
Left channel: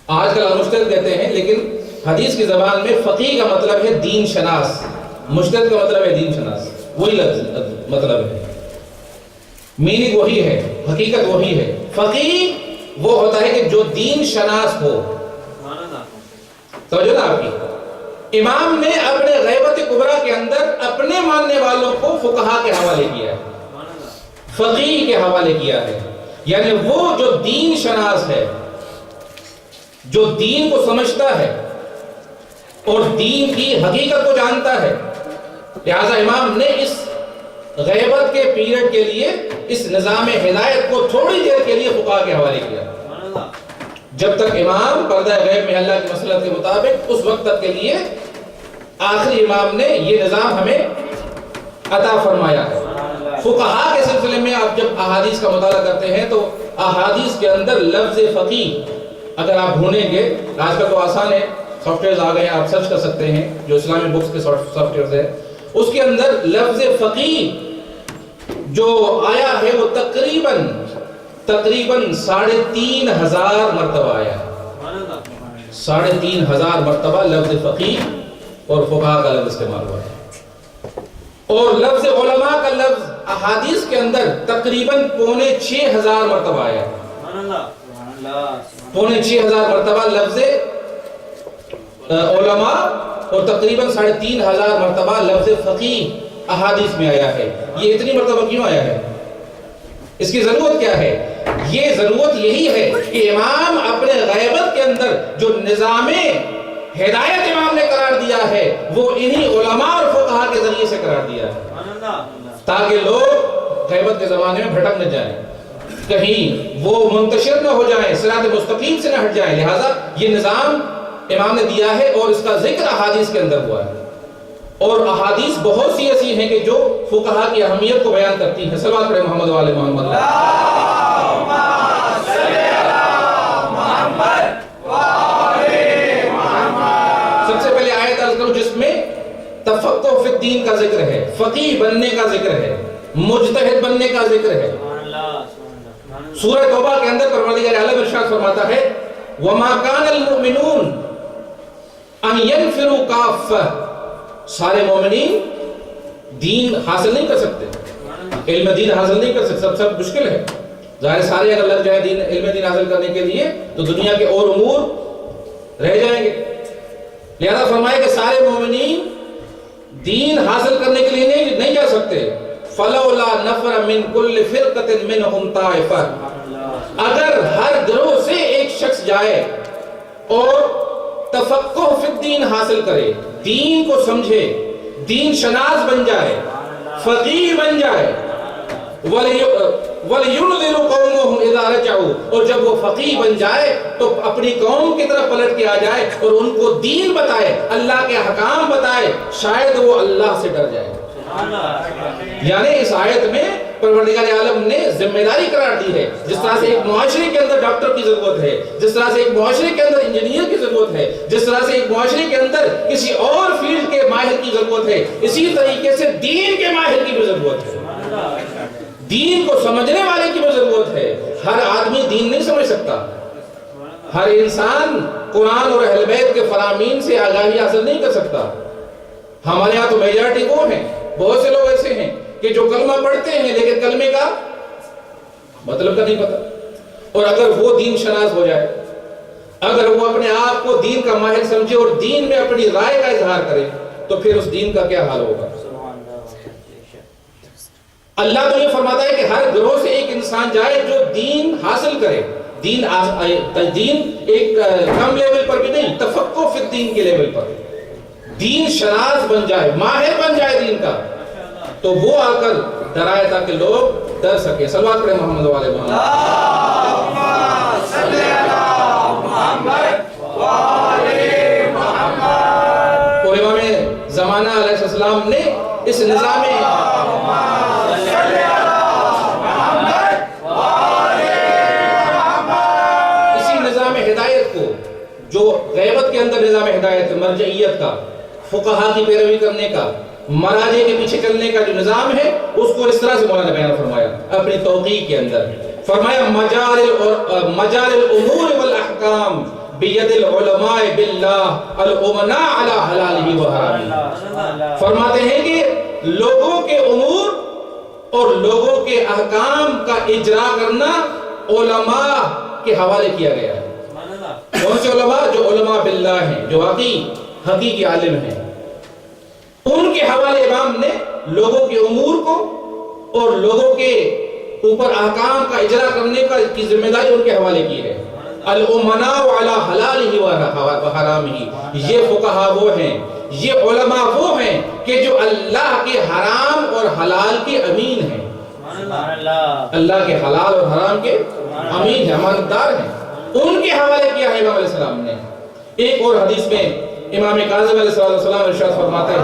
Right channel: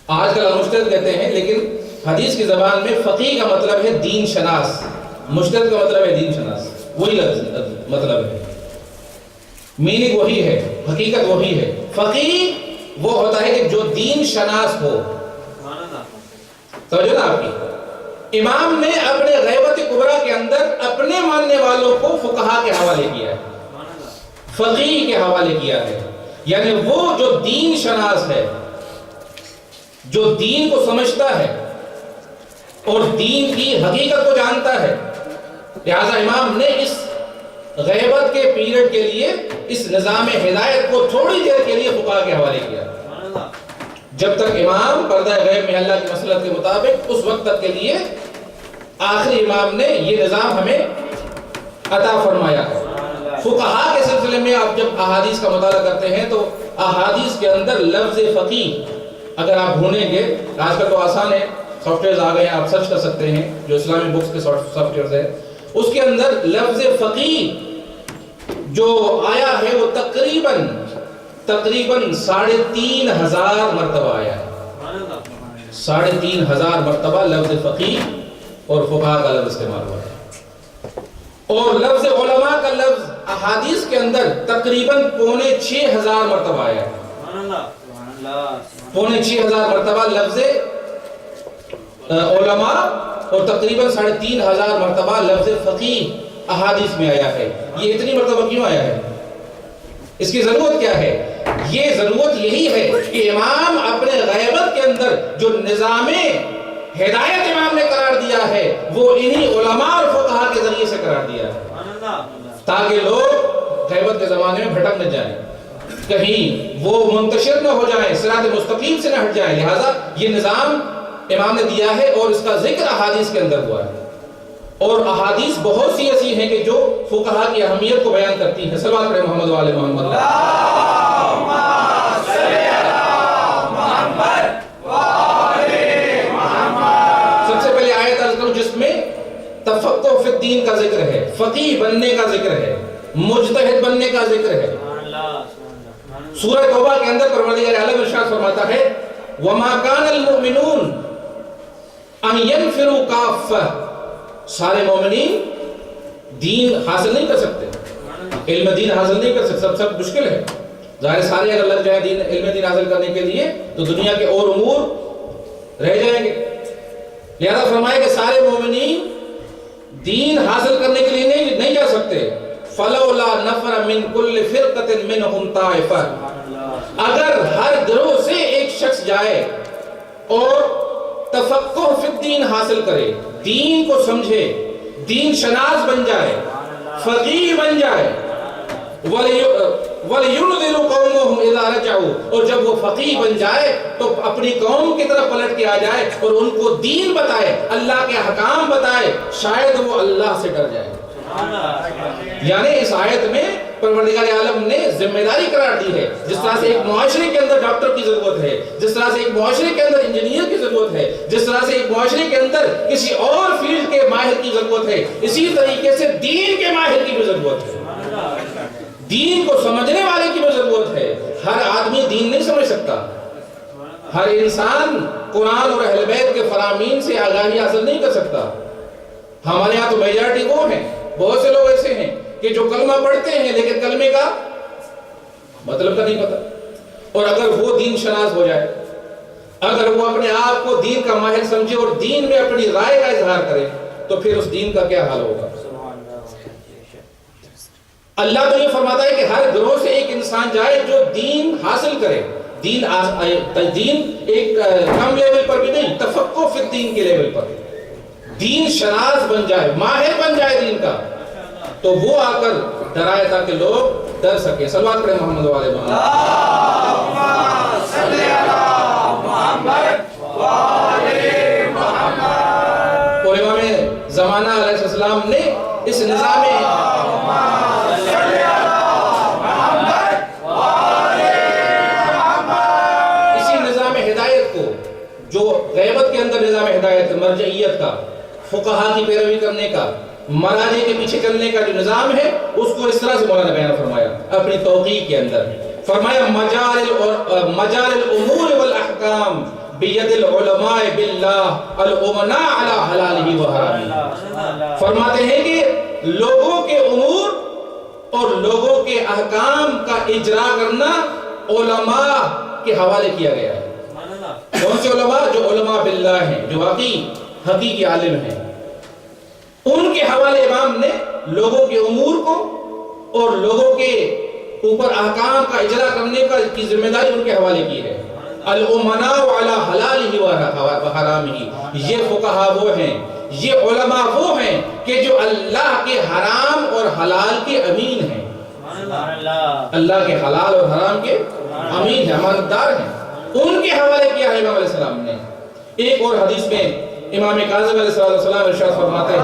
آج کل مجتہد کہتے ہیں، لیکن حدیث کی زبان میں فقیہ کا مطلب ہے دین شناس، مجتہد کا مطلب ہے دین شناس، وہی لفظ مطلب ہے، میننگ وہی ہے، حقیقت وہی ہے. فقیہ وہ ہوتا ہے کہ جو دین شناس ہو. توجہ نا آپ کی. امام نے اپنے غیبت کبریٰ کے اندر اپنے ماننے والوں کو فقہا کے حوالے کیا ہے، فقیہ کے حوالے کیا ہے. یعنی وہ جو دین شناس ہے، جو دین کو سمجھتا ہے اور دین کی حقیقت کو جانتا ہے. لہذا امام نے اس غیبت کے پیریڈ کے لیے اس نظام ہدایت کو تھوڑی دیر کے لیے فقہا کے حوالے کیا. جب تک امام پردہ غیب میں اللہ کی مصلحت کے مطابق، اس وقت تک کے لیے آخری امام نے یہ نظام ہمیں عطا فرمایا ہے. فقہا کے سلسلے میں آپ جب احادیث کا مطالعہ کرتے ہیں تو احادیث کے اندر لفظ فقیہ اگر آپ ڈھونڈیں گے، آج کل تو آسان ہے، سافٹ ویئرز آ گئے ہیں، آپ سرچ کر سکتے ہیں جو اسلامی بکس کے سافٹ ویئرز ہیں، اس کے اندر لفظ فقیہ جو آیا ہے وہ تقریباً 3,500 مرتبہ آیا ہے. 3,500 مرتبہ لفظ فقیہ اور فقہا کا لفظ استعمال ہوا ہے. اور لفظ علماء کا لفظ احادیث کے اندر تقریباً 5,600 مرتبہ آیا ہے. 5,600 مرتبہ لفظ علماء اور تقریباً 3,500 مرتبہ لفظ فقیہ احادیث میں آیا ہے. یہ اتنی مرتبہ کیوں آیا ہے؟ اس کی ضرورت کیا ہے؟ یہ ضرورت یہی ہے کہ امام اپنے غیبت کے اندر جو نظام ہدایت امام نے قرار دیا ہے وہ انہی علماء اور فقہا کے ذریعے سے قرار دیا ہے، تاکہ لوگ غیبت کے زمانے میں بھٹک نہ جائیں، کہیں وہ منتشر نہ ہو جائیں، صراط مستقیم سے نہ ہٹ جائیں. لہٰذا یہ نظام امام نے دیا ہے اور اس کا ذکر احادیث کے اندر ہوا ہے. اور احادیث بہت سی ایسی ہیں کہ جو فقہا کی اہمیت کو بیان کرتی ہیں. صلوات پڑھیں محمد و آل محمد. سب سے پہلے آیت عرض کروں جس میں تفقہ فی الدین کا ذکر ہے، فقیہ بننے کا ذکر ہے، مجتہد بننے کا ذکر ہے. سورہ توبہ کے اندر پروردگار عالم ارشاد فرماتا ہے وَمَا كَانَ الْمُؤْمِنُونَ أَن يَنْفِرُوا كَافَّةً. سارے مومنین دین حاصل نہیں کر سکتے، علم دین حاصل نہیں کر سکتے، سب مشکل ہے. ظاہر سارے اگر لگ جائیں علم دین حاصل کرنے کے لیے تو دنیا کے اور امور رہ جائیں گے. لہذا فرمایا کہ سارے مومنین دین حاصل کرنے کے لیے نہیں جا سکتے. فَلَوْلَا نَفَرَ مِن كُلِّ فِرْقَةٍ مِّنْهُمْ طَائِفَةٌ. اگر ہر گروہ سے ایک شخص جائے اور تفقہ فی الدین حاصل کرے، دین کو سمجھے، دین شناس بن جائے، فقیہ بن جائے، وَلْيُنذِرُ قَوْمَهُمْ إِذَا رَجَعُوا. اور جب وہ فقیہ بن جائے تو اپنی قوم کی طرف پلٹ کے آ جائے اور ان کو دین بتائے، اللہ کے احکام بتائے، شاید وہ اللہ سے ڈر جائے. یعنی اس آیت میں پروردگار عالم نے ذمہ داری قرار دی ہے. جس طرح سے ایک معاشرے کے اندر ڈاکٹر کی ضرورت ہے، جس طرح سے ایک معاشرے کے اندر انجینئر کی ضرورت ہے، جس طرح سے ایک معاشرے کے اندر کسی اور فیلڈ کے ماہر کی ضرورت ہے، اسی طریقے سے دین کے ماہر کی بھی ضرورت ہے، دین کو سمجھنے والے کی بھی ضرورت ہے. ہر آدمی دین نہیں سمجھ سکتا، ہر انسان قرآن اور اہل بیت کے فرامین سے آگاہی حاصل نہیں کر سکتا. ہمارے ہاں تو میجارٹی وہ ہیں، بہت سے لوگ ایسے ہیں کہ جو کلمہ پڑھتے ہیں لیکن کلمے کا مطلب کا نہیں پتا. اور اگر وہ دین شناس ہو جائے، اگر وہ اپنے آپ کو دین کا ماہر سمجھے اور دین میں اپنی رائے کا اظہار کرے تو پھر اس دین کا کیا حال ہوگا. اللہ تو یہ فرماتا ہے کہ ہر گروہ سے ایک انسان جائے جو دین حاصل کرے. دین ایک کم لیول پر بھی نہیں، تفقہ فی الدین کے لیول پر دین شناس بن جائے، ماہر بن جائے دین کا، تو وہ آ کر ڈرائے تاکہ لوگ ڈر سکیں. صلوات پڑھیں محمد و آل محمد. اللہم صلی علی محمد و آل محمد. اور امام زمانہ علیہ السلام نے اس نظام ہدایت کو، جو غیبت کے اندر نظام ہدایت مرجعیت کا، فقہا کی پیروی کرنے کا، مراجع کے پیچھے چلنے کا جو نظام ہے اس کو اس طرح سے مولانا نے بیان فرمایا اپنی توقیع کے اندر. فرمایا مجال الامور والاحکام بید العلماء باللہ الامناء علی حلالہ و حرامہ. فرماتے ہیں کہ لوگوں کے امور اور لوگوں کے احکام کا اجرا کرنا علماء کے حوالے کیا گیا ہے. کون سے علماء؟ جو علماء باللہ ہیں، جو حقیقی عالم ہیں. ان کے حوالے امام نے لوگوں کے امور کو اور لوگوں کے اوپر احکام کا اجرا کرنے کی ذمہ داری ان کے حوالے کی ہے. الامناء علی حلالہ و حرامہ. یہ فقہا وہ ہیں، یہ علماء وہ ہیں کہ جو اللہ کے حرام اور حلال کے امین ہیں. اللہ کے حلال اور حرام کے امین ہیں، امانتدار ہیں. ان کے حوالے کیا ہے امام علیہ السلام نے. ایک اور حدیث میں امام کاظم علیہ السلام ارشاد فرماتے ہیں،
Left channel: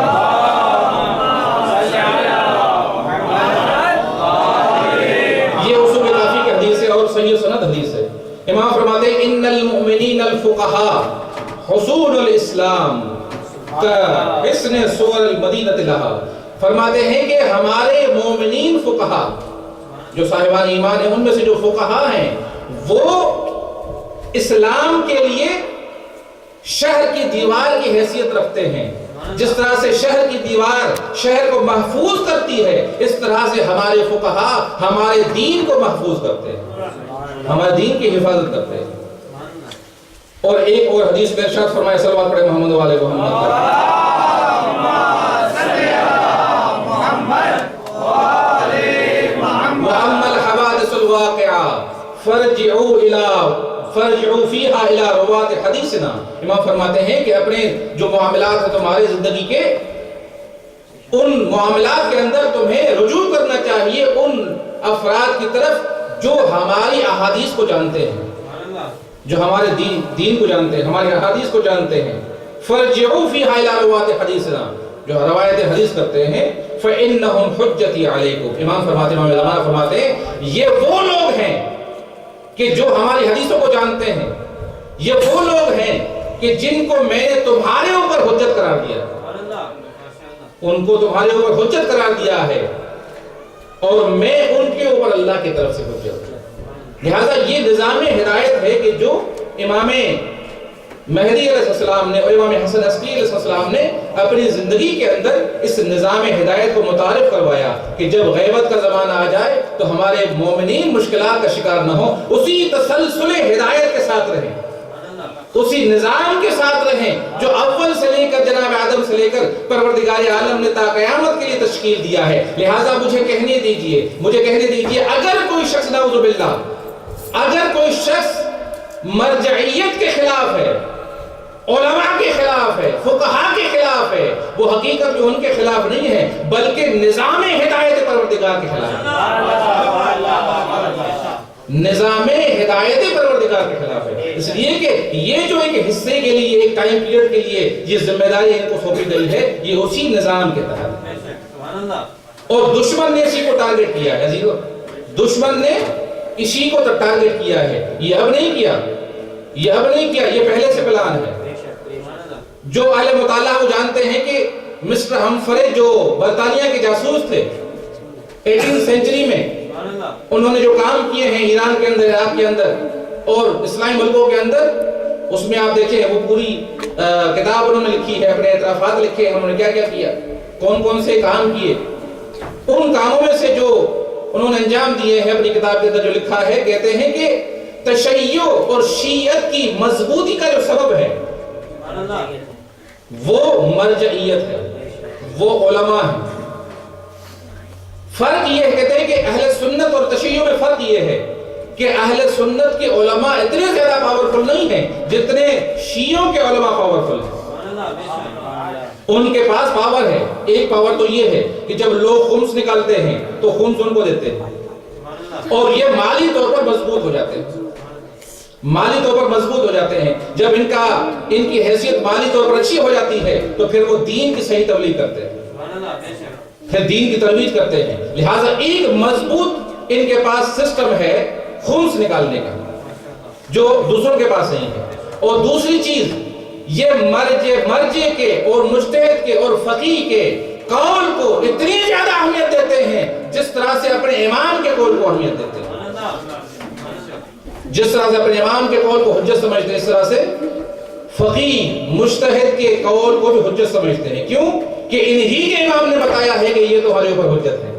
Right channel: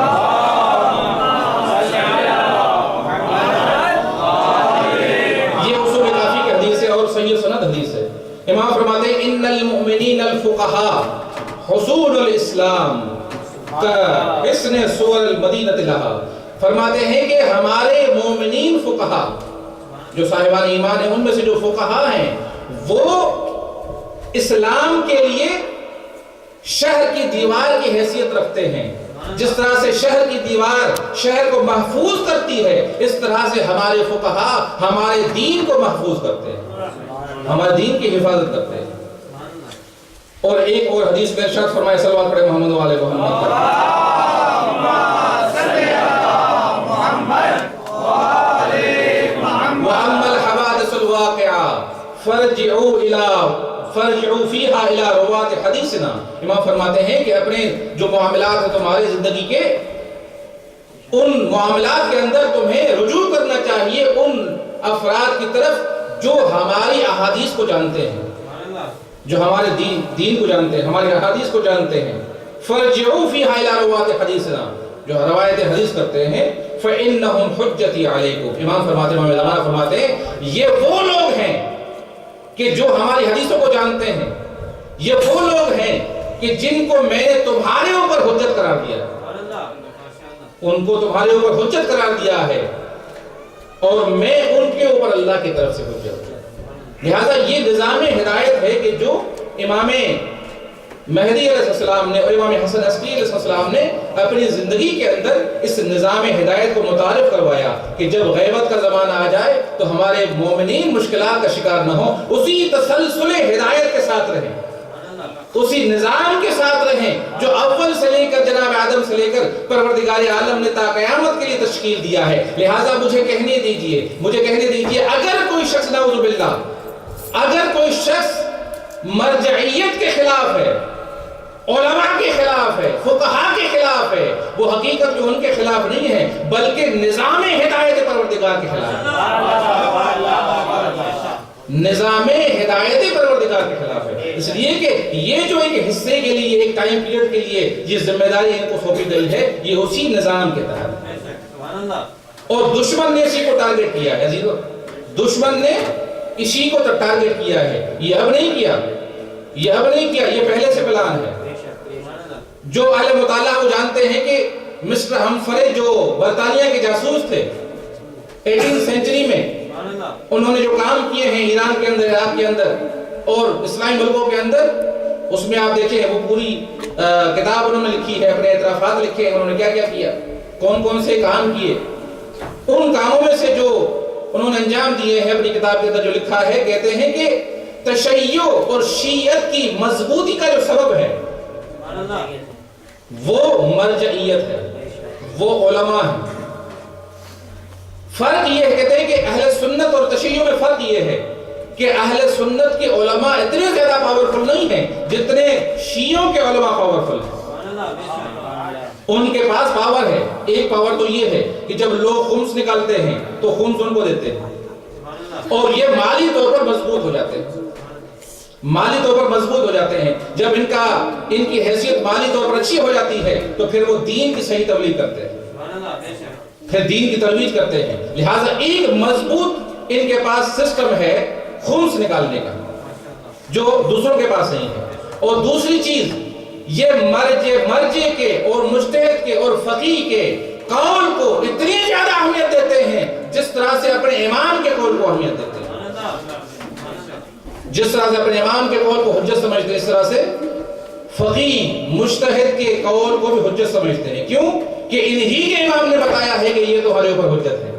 یہ اصول کافی کی حدیث ہے اور صحیح سند حدیث ہے. امام فرماتے ہیں ان المؤمنین الفقہاء حصول الاسلام کحصن سور المدینہ لہا. فرماتے ہیں کہ ہمارے مومنین فقہا جو صاحبان ایمان ہیں، ان میں سے جو فقہا ہیں وہ اسلام کے لیے شہر کی دیوار کی حیثیت رکھتے ہیں. جس طرح سے شہر کی دیوار شہر کو محفوظ کرتی ہے، اس طرح سے ہمارے فقہا ہمارے دین کو محفوظ کرتے ہیں، ہمارے دین کی حفاظت کرتے ہیں. اور ایک اور حدیث میں ارشاد فرمایا صلوات پڑھے محمد و آل محمد. وَأَمَّا الْحَوَادِثُ الْوَاقِعَةُ فَارْجِعُوا فِيهَا إِلَى رُوَاةِ حَدِيثِنَا. امام فرماتے ہیں کہ اپنے جو معاملات ہیں تمہارے زندگی کے، ان معاملات کے اندر تمہیں رجوع کرنا چاہیے ان افراد کی طرف جو ہماری احادیث کو جانتے ہیں، جو ہمارے دین کو جانتے ہیں، ہماری احادیث کو جانتے ہیں. فَارْجِعُوا فِيهَا إِلَى رُوَاةِ حَدِيثِنَا، جو روایت حدیث کرتے ہیں. فَإِنَّهُمْ حُجَّتِي عَلَيْكُمْ. امام فرماتے ہیں یہ وہ لوگ ہیں کہ جو ہماری حدیثوں کو جانتے ہیں، یہ وہ لوگ ہیں کہ جن کو میں نے تمہارے اوپر حجت قرار دیا، ان کو تمہارے اوپر حجت قرار دیا ہے اور میں ان کے اوپر اللہ کی طرف سے حجت. لہذا یہ نظام ہدایت ہے کہ جو امام مہدی علیہ السلام نے اور امام حسن عسکری علیہ السلام نے اپنی زندگی کے اندر اس نظام ہدایت کو متعارف کروایا کہ جب غیبت کا زمانہ آ جائے تو ہمارے مومنین مشکلات کا شکار نہ ہو، اسی تسلسل ہدایت کے ساتھ رہیں، اسی نظام کے ساتھ رہیں جو اول سے لے کر جناب آدم سے لے کر پروردگار عالم نے تا قیامت کے لیے تشکیل دیا ہے. لہٰذا مجھے کہنے دیجئے اگر کوئی شخص نعوذ باللہ، اگر کوئی شخص مرجعیت کے خلاف ہے، علماء کے خلاف ہے، فقہا کے خلاف ہے، وہ حقیقت میں ان کے خلاف نہیں ہے بلکہ نظام ہدایت پروردگار کے خلاف ہے، نظام ہدایت پروردگار کے خلاف ہے. اس لیے کہ یہ جو ایک حصے کے لیے، ایک ٹائم پیریڈ کے لیے یہ ذمہ داری ان کو سونپی گئی ہے، یہ اسی نظام کے تحت ہے. اور دشمن نے اسی کو ٹارگٹ کیا ہے، دشمن نے اسی کو ٹارگٹ کیا ہے. یہ اب نہیں کیا، یہ پہلے سے پلان ہے. جو اہل مطالعہ وہ جانتے ہیں کہ مسٹر ہمفرے جو برطانیہ کے جاسوس تھے 18 سینچری میں، انہوں نے جو کام کیے ہیں ایران کے اندر، عراق کے اندر اور اسلامی ملکوں کے اندر، اس میں آپ دیکھیں وہ پوری کتاب انہوں نے لکھی ہے، اپنے اعترافات لکھے ہیں انہوں نے کیا کیا، کون سے کام کیے. ان کاموں میں سے جو انہوں نے انجام دیے ہیں اپنی کتاب کے اندر جو لکھا ہے، کہتے ہیں کہ تشیع اور شیعت کی مضبوطی کا جو سبب ہے وہ مرجعیت ہے، وہ علماء ہیں. فرق یہ ہے، کہتے ہیں کہ اہل سنت اور تشیع میں فرق یہ ہے کہ اہل سنت کے علماء اتنے زیادہ پاورفل نہیں ہیں جتنے شیعوں کے علماء پاورفل ہیں. ان کے پاس پاور ہے. ایک پاور تو یہ ہے کہ جب لوگ خمس نکالتے ہیں تو خمس ان کو دیتے ہیں اور یہ مالی طور پر مضبوط ہو جاتے ہیں، جب ان کی حیثیت مالی طور پر اچھی ہو جاتی ہے تو پھر وہ دین کی صحیح تبلیغ کرتے ہیں، پھر دین کی ترویج کرتے ہیں. لہٰذا ایک مضبوط ان کے پاس سسٹم ہے خمس نکالنے کا جو دوسروں کے پاس نہیں ہے. اور دوسری چیز یہ مرجع کے اور مجتہد کے اور فقیہ کے قول کو اتنی زیادہ اہمیت دیتے ہیں جس طرح سے اپنے امام کے قول کو اہمیت دیتے ہیں. جس طرح سے اپنے امام کے قول کو حجت سمجھتے ہیں اس طرح سے فقیہ مجتہد کے قول کو بھی حجت سمجھتے ہیں. کیوں کہ انہی کے امام نے بتایا ہے کہ یہ تمہارے اوپر حجت ہے.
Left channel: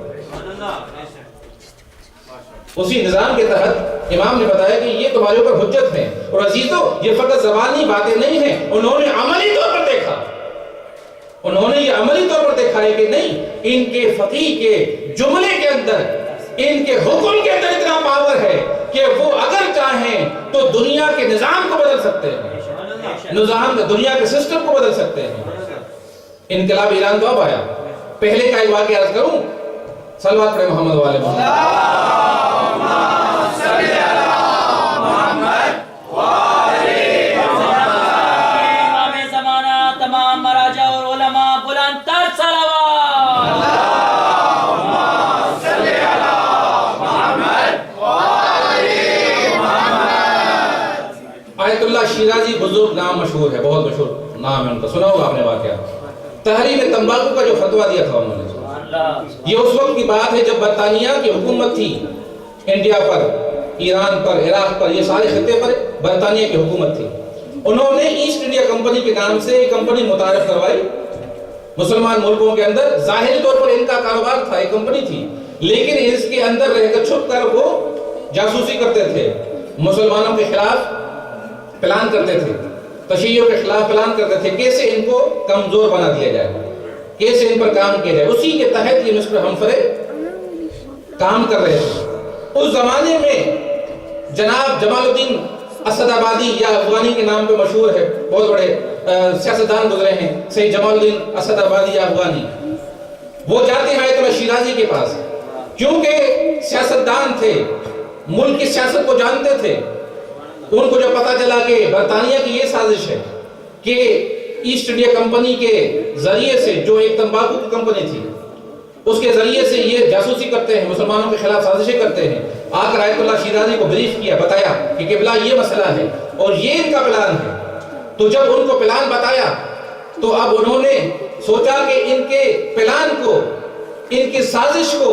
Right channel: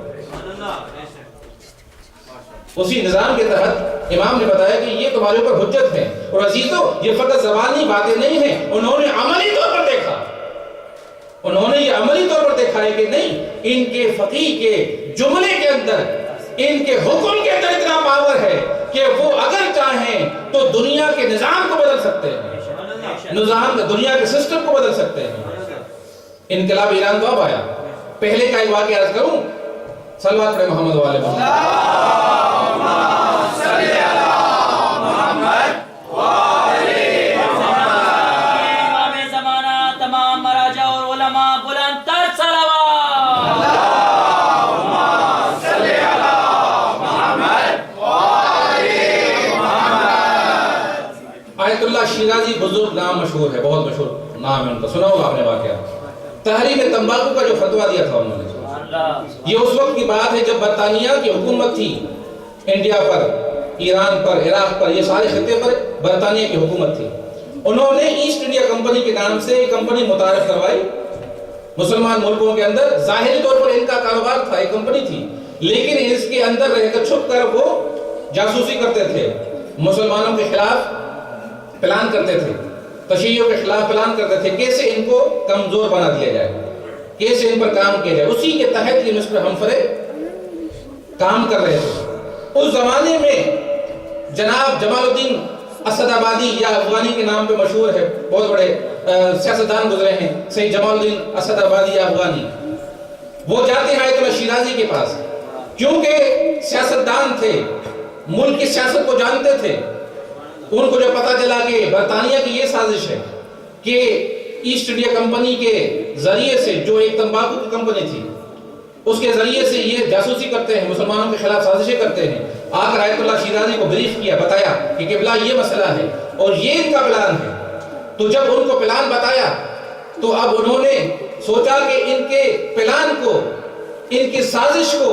اسی نظام کے تحت امام نے بتایا کہ یہ تمہارے اوپر حجت ہے. اور عزیزو یہ فقط زبانی باتیں نہیں ہیں, انہوں نے عملی طور پر دیکھا, انہوں نے یہ عملی طور پر دیکھا ہے کہ نہیں ان کے فقیہ کے جملے کے اندر, ان کے حکم کے اندر اتنا پاور ہے کہ وہ اگر چاہیں تو دنیا کے نظام کو بدل سکتے ہیں, دنیا کے سسٹم کو بدل سکتے ہیں. انقلاب ایران تو اب آیا. پہلے کا ایک واقعہ عرض کروں, صلوات پڑھیں محمد والے محمد. آیت اللہ شیرازی بزرگ نام مشہور ہے, بہت مشہور نام ہے ان کا, سنا ہوگا آپ نے واقعہ. تحریم تمباکو کا جو فتویٰ دیا تھا انہوں نے, یہ اس وقت کی بات ہے جب برطانیہ کی حکومت تھی انڈیا پر, ایران پر, عراق پر, یہ سارے خطے پر برطانیہ کی حکومت تھی. انہوں نے ایسٹ انڈیا کمپنی کے نام سے ایک کمپنی متعارف کروائی مسلمان ملکوں کے اندر. ظاہری طور پر ان کا کاروبار تھا, ایک کمپنی تھی, لیکن اس کے اندر رہ کر چھپ کر وہ جاسوسی کرتے تھے, مسلمانوں کے خلاف پلان کرتے تھے, تشیعوں کے خلاف پلان کرتے تھے, کیسے ان کو کمزور بنا دیا جائے, کیسے ان پر کام کیا جائے. اسی کے تحت یہ مسٹر ہمفرے کام کر رہے تھے. اس زمانے میں جناب جمال الدین اسد آبادی یا افغانی کے نام پہ مشہور ہے, بہت بڑے سیاستدان گزرے ہیں, سید جمال الدین اسد آبادی یا افغانی. وہ جاتے ہیں آیت اللہ شیرازی کے پاس, کیونکہ سیاستدان تھے, ملک کی سیاست کو جانتے تھے. ان کو جو پتا چلا کہ برطانیہ کی یہ سازش ہے کہ ایسٹ انڈیا کمپنی کے ذریعے سے, جو ایک تمباکو کی کمپنی تھی, اس کے ذریعے سے یہ جاسوسی کرتے ہیں, مسلمانوں کے خلاف سازشیں کرتے ہیں. آ کر آیت اللہ شیرازی کو بریف کیا, بتایا کہ قبلہ یہ مسئلہ ہے اور یہ ان کا پلان ہے. تو جب ان کو پلان بتایا تو اب انہوں نے سوچا کہ ان کے پلان کو, ان کی سازش کو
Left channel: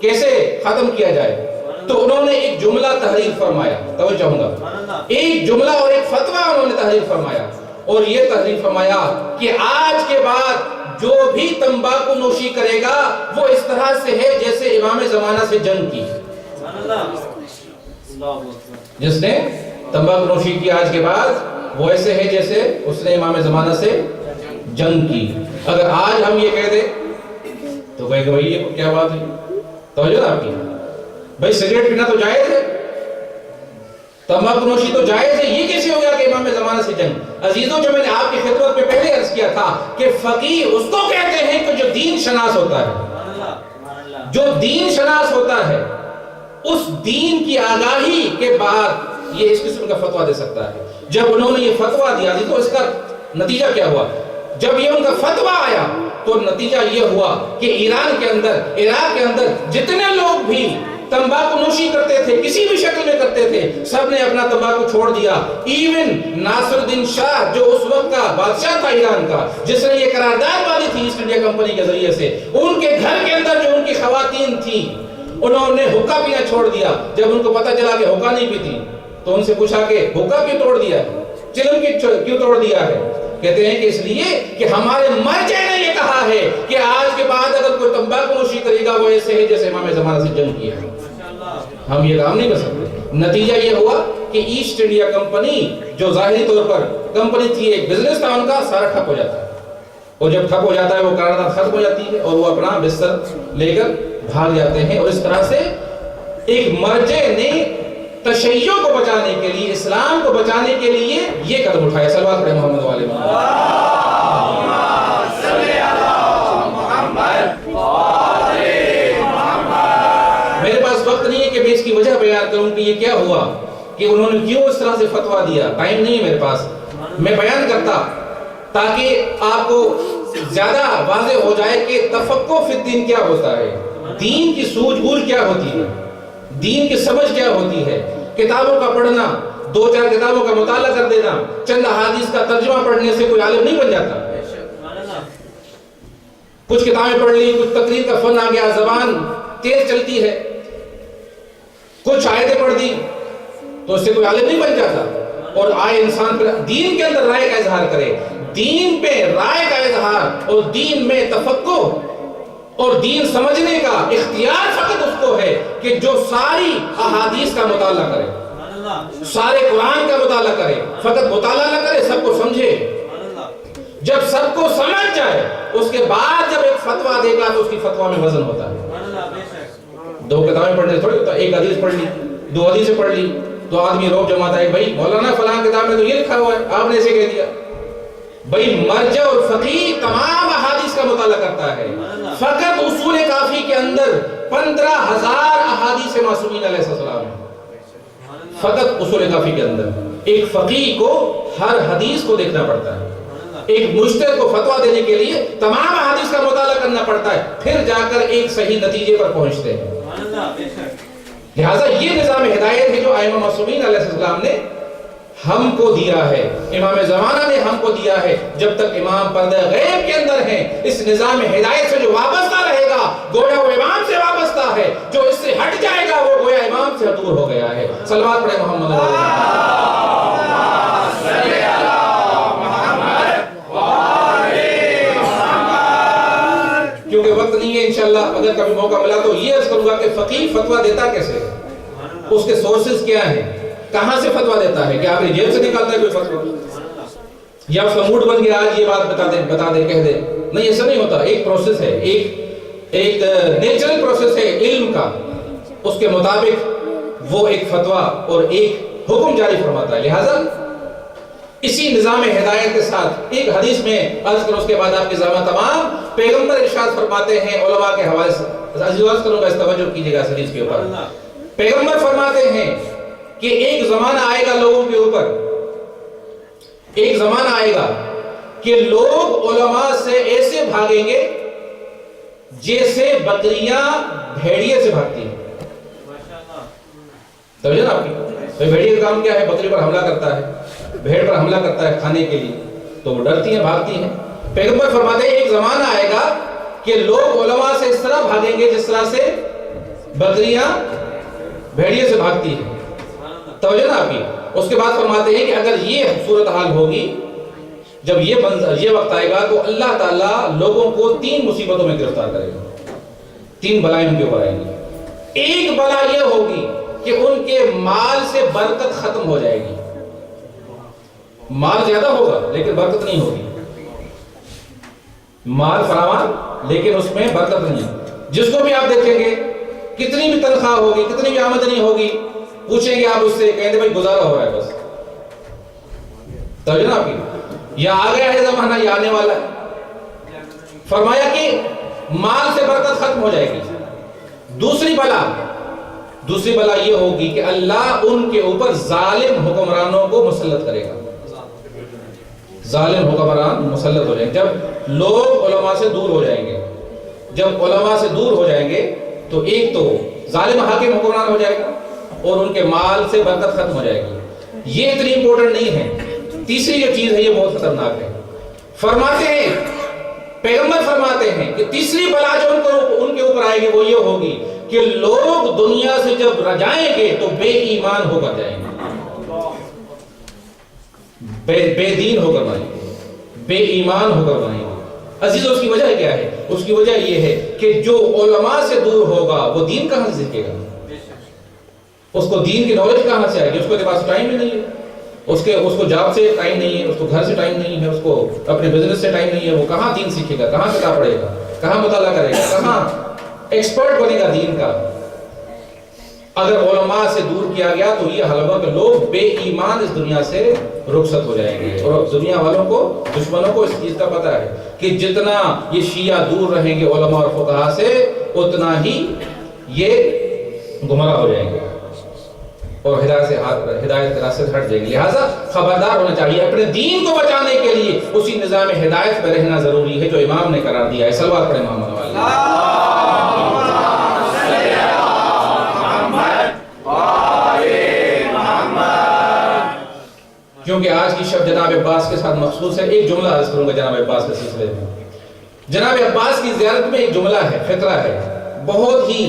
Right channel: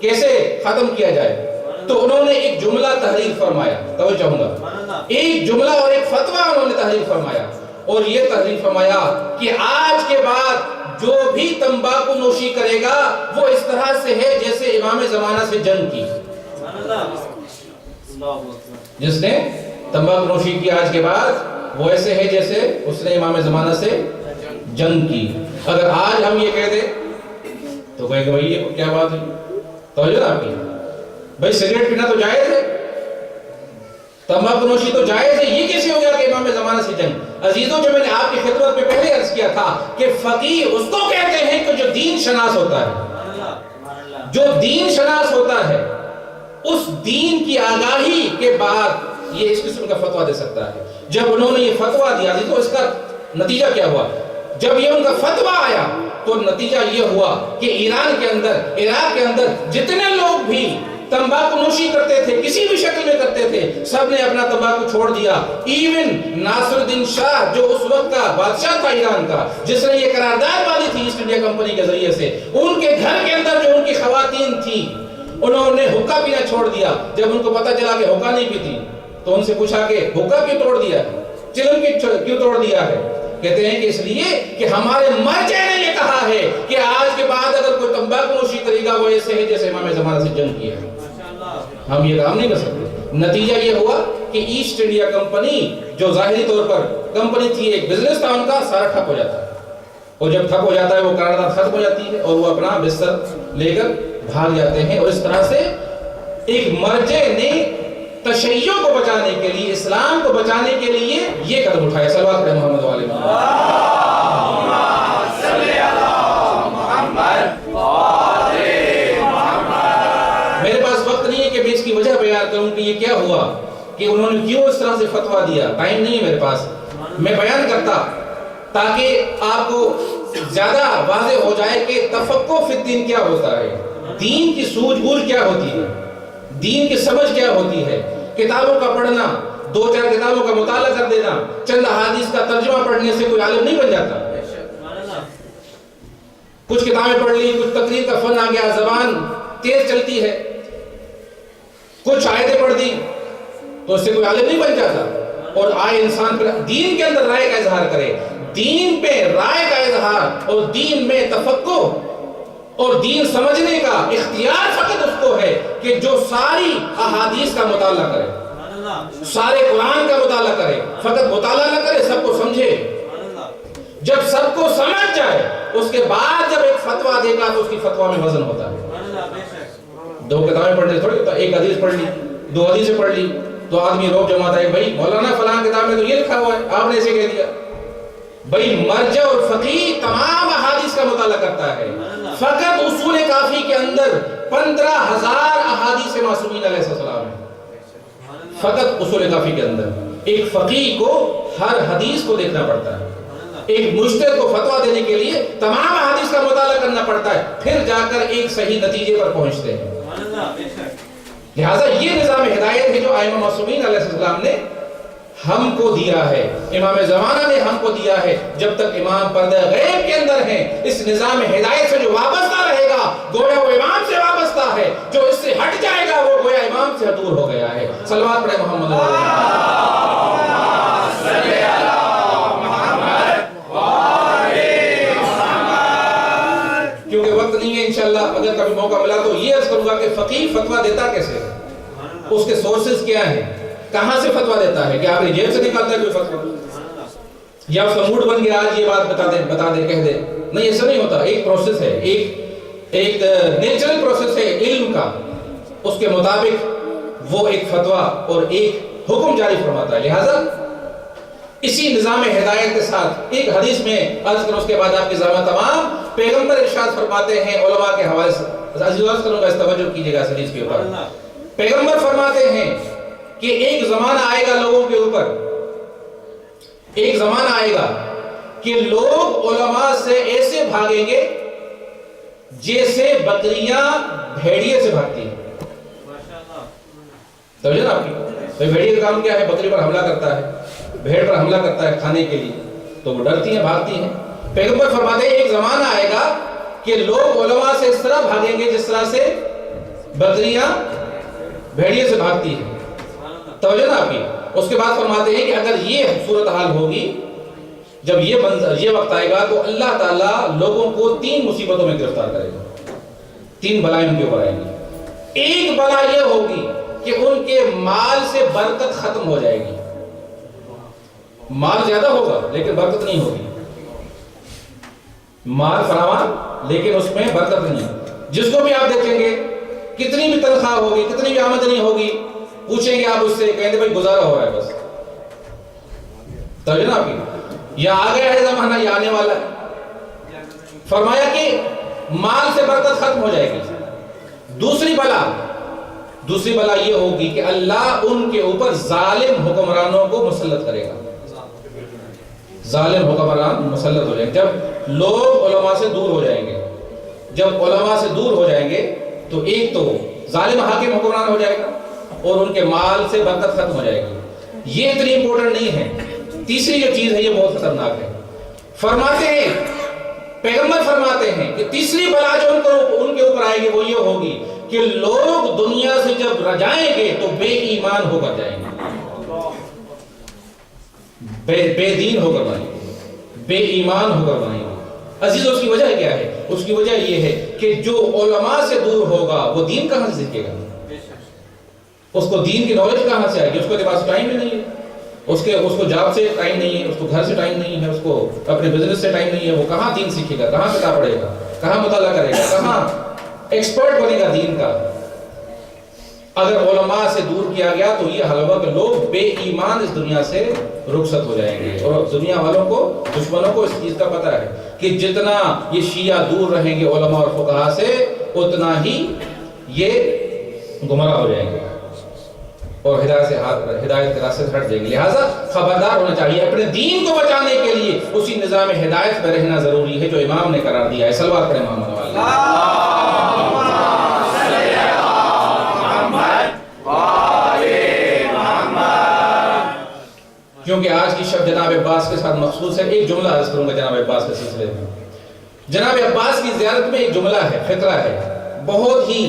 کیسے ختم کیا جائے. تو انہوں نے ایک جملہ تحریر فرمایا, توجہ چاہوں گا, ایک جملہ اور ایک فتویٰ انہوں نے تحریر فرمایا, اور یہ تحریر فرمایا کہ آج کے بعد جو بھی تمباکو نوشی کرے گا وہ اس طرح سے ہے جیسے امام زمانہ سے جنگ کی. جس نے تمباکو نوشی کی آج کے بعد وہ ایسے ہے جیسے اس نے امام زمانہ سے جنگ کی. اگر آج ہم یہ کہہ دیں تو کہے کہ بھائی یہ کیا بات ہے, توجہ آپ کی, بھائی سگریٹ پینا تو جائز ہے, تمباکو نوشی تو جائز ہے, یہ کیسے ہو گیا کہ امام زمانہ سے جنگ. عزیزوں, جو میں نے آپ کی خدمت میں پہلے عرض کیا تھا کہ فقیہ اس کو کہتے ہیں کہ جو دین شناس ہوتا ہے, جو دین شناس ہوتا ہے, اس دین کی آگاہی کے بعد یہ اس قسم کا فتویٰ دے سکتا ہے. جب انہوں نے یہ فتویٰ دیا تو اس کا نتیجہ کیا ہوا؟ جب یہ ان کا فتویٰ آیا تو نتیجہ یہ ہوا کہ ایران کے اندر, عراق کے اندر جتنے لوگ بھی تمباکو نوشی کرتے تھے, کسی بھی شکل میں کرتے تھے, سب نے اپنا تمباکو چھوڑ دیا. ایون ناصر الدین شاہ جو اس وقت کا بادشاہ تھا ایران کا, جس نے یہ قرارداد باندھی تھی ایسٹ انڈیا کمپنی کے ذریعے سے, ان کے گھر کے اندر جو ان کی خواتین تھیں انہوں نے حقہ پینا چھوڑ دیا. جب ان کو پتا چلا کہ حقہ نہیں پیتی تو ان سے پوچھا کہ حقہ کیوں توڑ دیا ہے, چلم کیوں توڑ دیا ہے؟ کہتے ہیں کہ اس لیے کہ ہمارے مرجع نے یہ کہا ہے کہ آج کے بعد اگر کوئی تمباکو نوشی کرے گا وہ ایسے ہے جیسے امام زمانہ سے جنگ کیا ہے. ہم یہ کام نہیں کر سکتے. نتیجہ یہ ہوا کہ ایسٹ انڈیا کمپنی جو ظاہری طور پر کمپنی تھی, ایک بزنس تھا ان کا, سارا ٹھپ ہو جاتا ہے. اور جب ٹھپ ہو جاتا ہے وہ قرارداد ختم ہو جاتی ہے اور وہ اپنا بستر لے کر بھاگ جاتے ہیں. اور اس طرح سے ایک مرجع نے تشیع کو بچانے کے لیے, اسلام کو بچانے کے لیے یہ قدم اٹھایا. صلوات پڑھیں محمد والے میرے پاس وقت نہیں ہے کہ میں اس کی وجہ بیان کروں کہ یہ کیا ہوا, کہ انہوں نے کیوں اس طرح سے فتویٰ دیا. ٹائم نہیں ہے میرے پاس, میں بیان کرتا تاکہ آپ کو زیادہ واضح ہو جائے کہ تفقہ فی الدین کیا ہوتا ہے, دین کی سوجھ بوجھ کیا ہوتی ہے, دین کی سمجھ کیا ہوتی ہے. کتابوں کا پڑھنا, 2-4 کتابوں کا مطالعہ کر دینا, چند احادیث کا ترجمہ پڑھنے سے کوئی عالم نہیں بن جاتا. کچھ کتابیں پڑھ لی، کچھ تقریر کا فن آ گیا، زبان تیز چلتی ہے، کچھ آیتیں پڑھ دی تو اس سے کوئی عالم نہیں بن جاتا. اور آئے انسان پر دین کے اندر رائے کا اظہار کرے، دین پہ رائے کا اظہار اور دین میں تفقہ اور دین سمجھنے کا اختیار فقط اس کو ہے کہ جو ساری احادیث کا مطالعہ کرے، سارے قرآن کا مطالعہ کرے، فقط مطالعہ نہ کرے، سب کو سمجھے. جب سب کو سمجھ جائے اس کے بعد جب ایک فتویٰ دے گا تو اس کی فتویٰ میں وزن ہوتا ہے. دو کتابیں پڑھنے تھوڑی ہوتا ہے، ایک حدیث پڑھ لی، دو حدیثیں پڑھ لی تو آدمی روب جماتا ہے، بھائی مولانا فلاں کتاب میں تو یہ لکھا ہوا ہے، آپ نے ایسے کہہ دیا. بھائی مرجع اور فقیہ تمام احادیث کا مطالعہ کرتا ہے. فقط اصول کافی کے اندر 15,000 احادیث معصومین علیہ السلام ہیں. فقط اصول کافی کے اندر ایک فقیہ کو ہر حدیث کو دیکھنا پڑتا ہے. ایک مجتہد کو فتویٰ دینے کے لیے تمام احادیث کا مطالعہ کرنا پڑتا ہے، پھر جا کر ایک صحیح نتیجے پر پہنچتے ہیں. لہٰذا یہ نظام ہدایت ہے جو ائمہ معصومین علیہ السلام نے ہم کو دیا ہے، امام زمانہ نے ہم کو دیا ہے. جب تک امام پردہ غیب کے اندر ہیں، اس نظام ہدایت سے جو وابستہ رہے گا گویا وہ امام سے وابستہ ہے، جو اس سے ہٹ جائے گا وہ گویا امام سے دور ہو گیا ہے. صلوات پڑھے محمد کیونکہ وقت نہیں ہے. انشاءاللہ اگر کبھی موقع ملا تو یہ عرض کروں گا کہ فقیہ فتویٰ دیتا کیسے ہے، اس کے سورسز کیا ہیں، کہاں سے فتویٰ دیتا ہے. کہ آپ نے جیب سے نکالتا ہے کوئی فتویٰ یا اس کا موڈ بن گیا آج یہ بات بتا دے کہہ دے؟ نہیں، ایسا نہیں ہوتا. ایک پروسیس ہے، ایک نیچرل پروسیس ہے علم کا، اس کے مطابق وہ ایک فتویٰ اور ایک حکم جاری فرماتا ہے. لہٰذا اسی نظام ہدایت کے ساتھ ایک حدیث میں عرض کروں، اس کے بعد آپ کے زمان تمام پیغمبر ارشاد فرماتے ہیں علماء کے حوالے سے عرض کروں گا، اس توجہ کیجئے گا اس حدیث کے اوپر. پیغمبر فرماتے ہیں کہ ایک زمانہ آئے گا لوگوں کے اوپر، ایک زمانہ آئے گا کہ لوگ علماء سے ایسے بھاگیں گے جیسے بکریاں بھیڑیے سے بھاگتی ہیں. سمجھے نا آپ کی؟ بھیڑیے کا کام کیا ہے؟ بکری پر حملہ کرتا ہے، بھیڑ پر حملہ کرتا ہے کھانے کے لیے، تو وہ ڈرتی ہیں، بھاگتی ہیں. پیغمبر فرماتے ہیں ایک زمانہ آئے گا کہ لوگ علماء سے اس طرح بھاگیں گے جس طرح سے بکریاں بھیڑیے سے بھاگتی ہیں. توجہ نا آپ کی؟ اس کے بعد فرماتے ہیں کہ اگر یہ صورتحال ہوگی، جب یہ وقت آئے گا تو اللہ تعالیٰ لوگوں کو 3 مصیبتوں میں گرفتار کرے گا. 3 بلائیں ان کے اوپر آئیں گی. ایک بلا یہ ہوگی کہ ان کے مال سے برکت ختم ہو جائے گی. مال زیادہ ہوگا لیکن برکت نہیں ہوگی، مال فراوان لیکن اس میں برکت نہیں ہے. جس کو بھی آپ دیکھیں گے کتنی بھی تنخواہ ہوگی، کتنی بھی آمدنی ہوگی، پوچھیں گے آپ اس سے، کہیں گے بھائی گزارا ہو رہا ہے بس. توجہ نا آپ کی؟ یا آ گیا ہے زمانہ یا آنے والا ہے. فرمایا کہ مال سے برکت ختم ہو جائے گی. دوسری بلا یہ ہوگی کہ اللہ ان کے اوپر ظالم حکمرانوں کو مسلط کرے گا. ظالم حکمران مسلط ہو جائیں گے. جب لوگ علماء سے دور ہو جائیں گے، جب علماء سے دور ہو جائیں گے تو ایک تو ظالم حاکم حکمران ہو جائے گا اور ان کے مال سے برکت ختم ہو جائے گی. یہ اتنی امپورٹنٹ نہیں ہے. تیسری جو چیز ہے یہ بہت خطرناک ہے. فرماتے ہیں، پیغمبر فرماتے ہیں کہ تیسری بلا جو ان کے اوپر آئے گی وہ یہ ہوگی کہ لوگ دنیا سے جب جائیں گے تو بے ایمان ہو کر جائیں گے، بے دین ہو کر جائیں گے، بے ایمان ہو کر جائیں گے. عزیز اس کی وجہ کیا ہے؟ اس کی وجہ یہ ہے کہ جو علماء سے دور ہوگا وہ دین کہاں سے سیکھے گا؟ اس کو دین کی نالج کہاں سے آئے گی؟ اس کے پاس ٹائم ہی نہیں ہے، اس کو جاب سے ٹائم نہیں ہے، اس کو گھر سے ٹائم نہیں ہے، اس کو اپنے بزنس سے ٹائم نہیں ہے. وہ کہاں دین سیکھے گا؟ کہاں کتاب پڑھے گا؟ کہاں مطالعہ کرے گا؟ کہاں ایکسپرٹ بنے گا دین کا؟ اگر علماء سے دور کیا گیا تو یہ حال ہوگا کہ لوگ بے ایمان اس دنیا سے رخصت ہو جائیں گے. اور دنیا والوں کو، دشمنوں کو اس چیز کا پتہ ہے کہ جتنا یہ شیعہ دور رہیں گے علماء اور فقہاء سے اتنا ہی یہ گمراہ ہو جائیں گے اور ہدایت کے راستے سے ہٹ جائیں گے. لہٰذا خبردار ہونا چاہیے. اپنے دین کو بچانے کے لیے اسی نظام ہدایت پہ رہنا ضروری ہے جو امام نے قرار دیا ہے. صلوات پڑھیں محمد کیونکہ آج کی شب جناب عباس کے ساتھ مخصوص ہے. ایک جملہ عرض کروں گا جناب عباس کے سلسلے میں. جناب عباس کی زیارت میں ایک جملہ ہے، فقرہ ہے، بہت ہی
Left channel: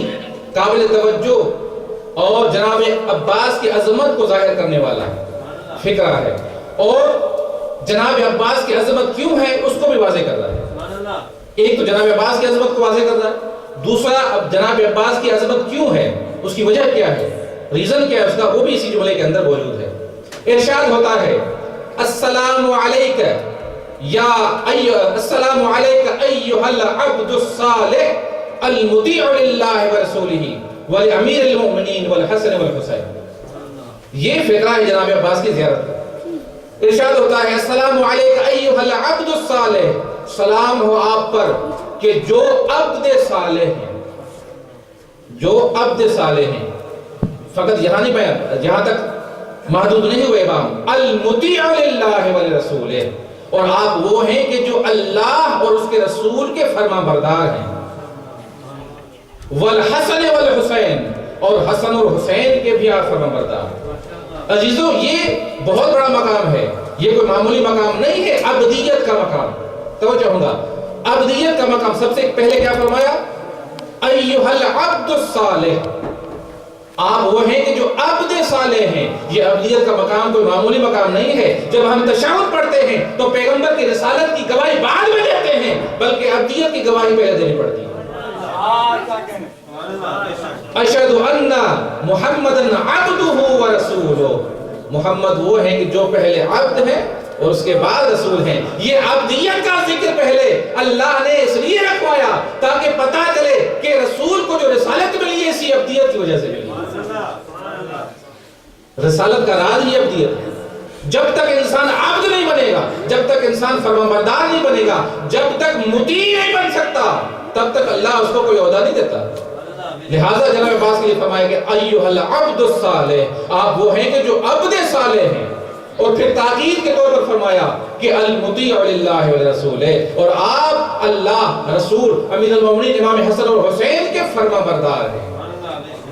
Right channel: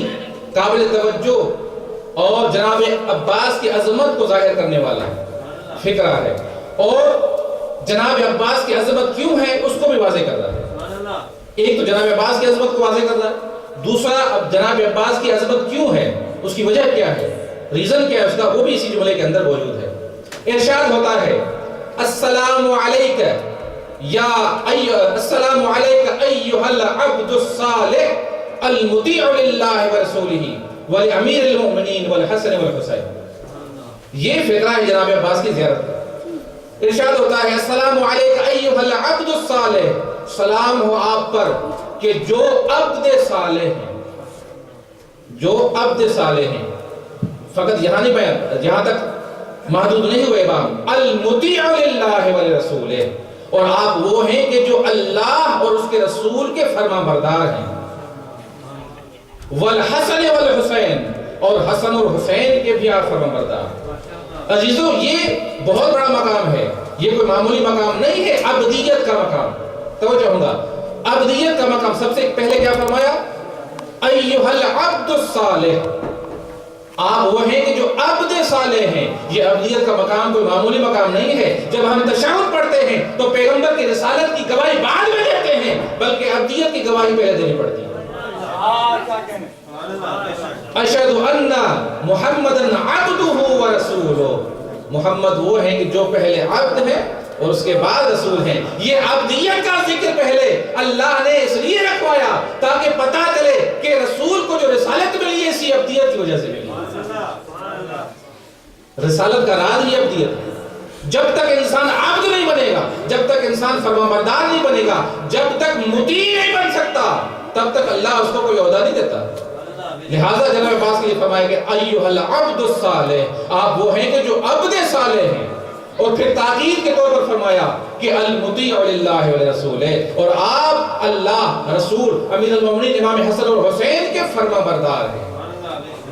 قابل توجہ اور جناب عباس کی عظمت کو ظاہر کرنے والا فقرہ ہے، اور جناب عباس کی عظمت کیوں ہے اس کو بھی واضح کر رہا ہے۔ ایک تو جناب عباس کی عظمت کو واضح کر رہا ہے، دوسرا اب جناب عباس کی عظمت کیوں ہے، اس کی وجہ کیا ہے، ریزن کیا ہے اس کا، وہ بھی اسی جملے کے اندر موجود ہے۔ ارشاد ہوتا ہے السلام علیک یا السلام علیک ایھا العبد الصالح المطیع للہ ورسولہ ولامیر المؤمنین والحسن والحسین۔ یہ فقرہ ہے جناب عباس کی زیارت کا۔ ارشاد ہوتا ہے السلام علیک ایھا العبد الصالح، سلام ہو آپ پر کہ جو عبد صالح ہیں، جو عبد صالح ہیں، فقط یہاں نہیں بیان، یہاں تک محدود نہیں ہوئے امام، المطیع للہ ولرسولہ، اور آپ وہ ہیں کہ جو اللہ اور اس کے رسول کے فرما بردار ہیں، والحسن والحسین، اور حسن اور حسین کے بھی آپ فرما بردار۔ عزیزو یہ بہت بڑا مقام ہے، یہ کوئی معمولی مقام نہیں ہے، عبدیت کا مقام، توجہ ہوگا، عبدیت کا مقام۔ سب سے پہلے کیا فرمایا، ایھا العبد الصالح، آپ وہ ہیں کہ جو عبد صالح ہیں۔ یہ عبدیت کا مقام کوئی معمولی مقام نہیں ہے۔ جب ہم تشہد پڑھتے ہیں تو پیغمبر کی رسالت کی گواہی بعد میں دیتے ہیں، بلکہ عبدیت کی گواہی پہلے دینی پڑتی ہے۔ اشہد ان محمدن عبدہ ورسولہ، محمد وہ ہیں کہ جو پہلے عبد ہیں اور اس کے بعد رسول ہیں۔ یہ عبدیت کا ذکر پہلے اللہ نے اس لیے رکھوایا تاکہ پتہ چلے کہ رسول کو جو رسالت ملی ہے اسی عبدیت کی وجہ سے ملی۔ رسالت کا راز ہی عبدیت ہے۔ جب تک انسان عبد نہیں بنے گا، جب تک انسان فرمانبردار نہیں بنے گا، جب تک مطیع نہیں بن سکتا، تب تک اللہ اس کو کوئی عہدہ نہیں دیتا۔ لہٰذا جناب عباس کے لیے فرمایا کہ ایھا العبد الصالح، آپ وہ ہیں کہ جو عبد صالح ہیں، اور پھر تاکید کے طور پر فرمایا کہ المطیع للہ ولرسولہ، اور آپ اللہ، رسول، امیر المومنین امام حسن اور حسین کے فرما بردار ہیں۔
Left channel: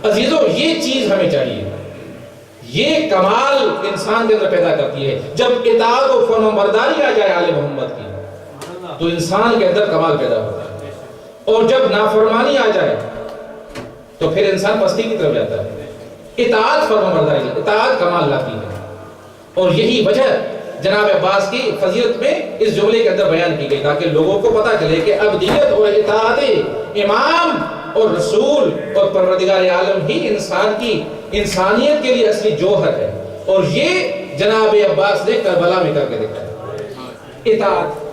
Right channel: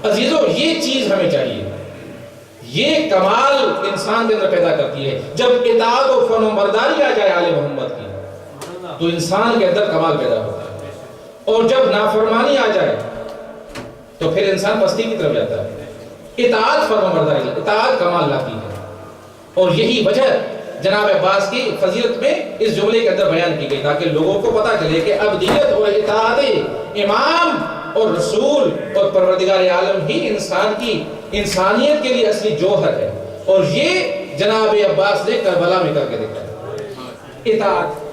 عزیزو یہ چیز ہمیں چاہیے، یہ کمال انسان کے اندر پیدا کرتی ہے۔ جب اطاعت و فرمانبرداری آ جائے آل محمد کی تو انسان کے اندر کمال پیدا ہوتا ہے، اور جب نافرمانی آ جائے تو پھر انسان پستی کی طرف جاتا ہے۔ اطاعت فرمانبرداری، اطاعت کمال لاتی ہے، اور یہی وجہ جناب عباس کی فضیلت میں اس جملے کے اندر بیان کی گئی تاکہ لوگوں کو پتہ چلے کہ عبدیت اور اطاعت امام اور رسول اور پروردگار عالم ہی انسان کی انسانیت کے لیے اصلی جوہر ہے، اور یہ جناب عباس نے کربلا میں کر کے دکھایا۔ اطاعت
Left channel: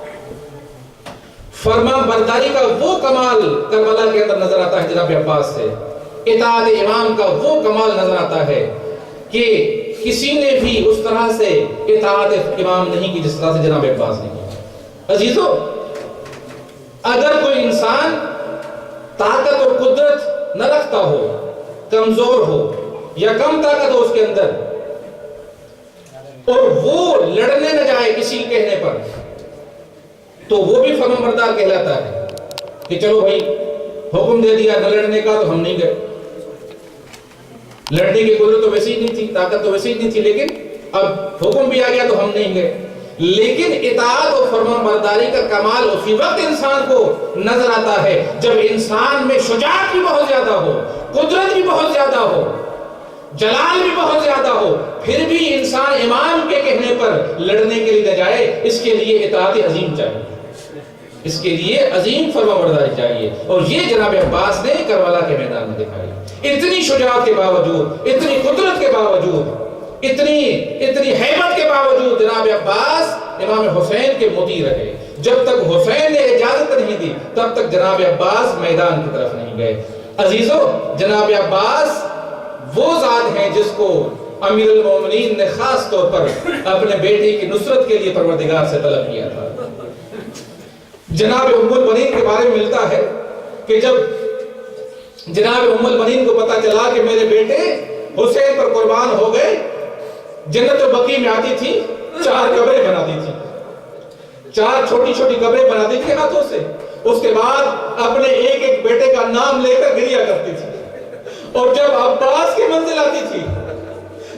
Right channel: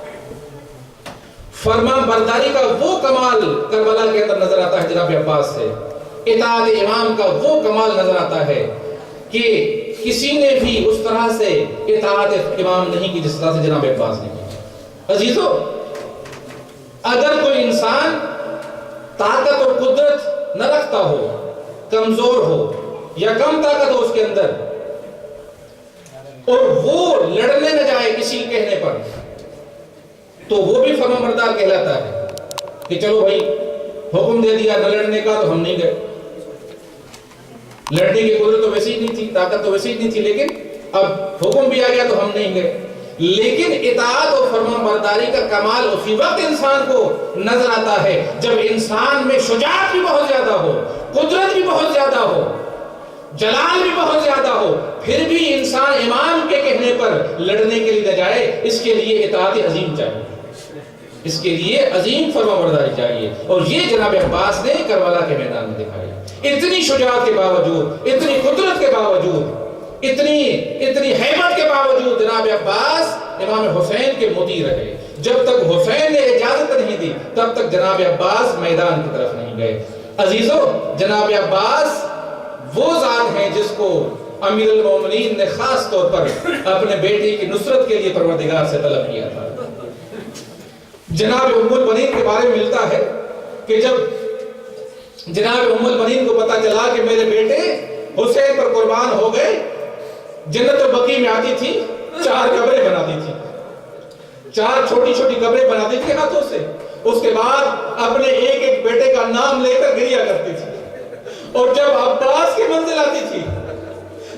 فرمان برداری کا وہ کمال کربلا کے اندر نظر آتا ہے جناب عباس سے، اطاعت امام کا وہ کمال نظر آتا ہے کہ کسی نے بھی اس طرح سے اطاعت امام نہیں کی جس طرح سے جناب عباس نے کی۔ عزیزو اگر کوئی انسان طاقت اور قدرت نہ رکھتا ہو، کمزور ہو یا کم طاقت ہو اس کے اندر، اور وہ لڑنے نہ جائے کسی کہنے پر، تو وہ بھی فرمانبردار کہلاتا ہے کہ چلو بھائی حکم دے دیا نہ لڑنے کا تو ہم نہیں گئے، لڑنے کی قدرت تو ویسی ہی نہیں تھی، طاقت تو ویسی ہی نہیں تھی، لیکن اب حکم بھی آ گیا تو ہم نہیں گئے۔ لیکن اطاعت اور فرمانبرداری کا کمال اسی وقت انسان کو نظر آتا ہے جب انسان میں شجاعت بھی بہت زیادہ ہو، قدرت بھی بہت زیادہ ہو، جلال بھی بہت زیادہ ہو، پھر بھی انسان امام کے کہنے پر لڑنے کے لیے نہ جائے۔ اس کے لیے اطاعت عظیم چاہیے، اس کے لیے عظیم فرمانبرداری چاہیے، اور یہ جناب عباس نے کربلا کے میدان میں دکھائی۔ اتنی شجاعت کے باوجود، اتنی قدرت کے باوجود، اتنی حیبت کے باوجود جناب عباس امام حسین کے مطیع رہے۔ جب تک حسین نے اجازت نہیں دی تب تک جناب عباس میدان کی طرف نہیں گئے۔ عزیزو جناب عباس وہ ذات ہیں جس کو امیر المومنین نے خاص طور پر اپنے بیٹی کی نصرت کے لیے پروردگار سے طلب کیا تھا۔ جناب ام البنین کے بارے میں ملتا ہے کہ جب جناب ام البنین کو پتا چلا کہ میرے بیٹے حسین پر قربان ہو گئے، جنت البقیع میں آتی تھی، 4 قبریں بناتی تھی، 4 چھوٹی چھوٹی قبریں بناتی تھی ہاتھوں سے، اس کے بعد اپنے ایک ایک بیٹے کا نام لے کر گریا کرتی تھی، اور جب عباس کی منزل آتی تھی،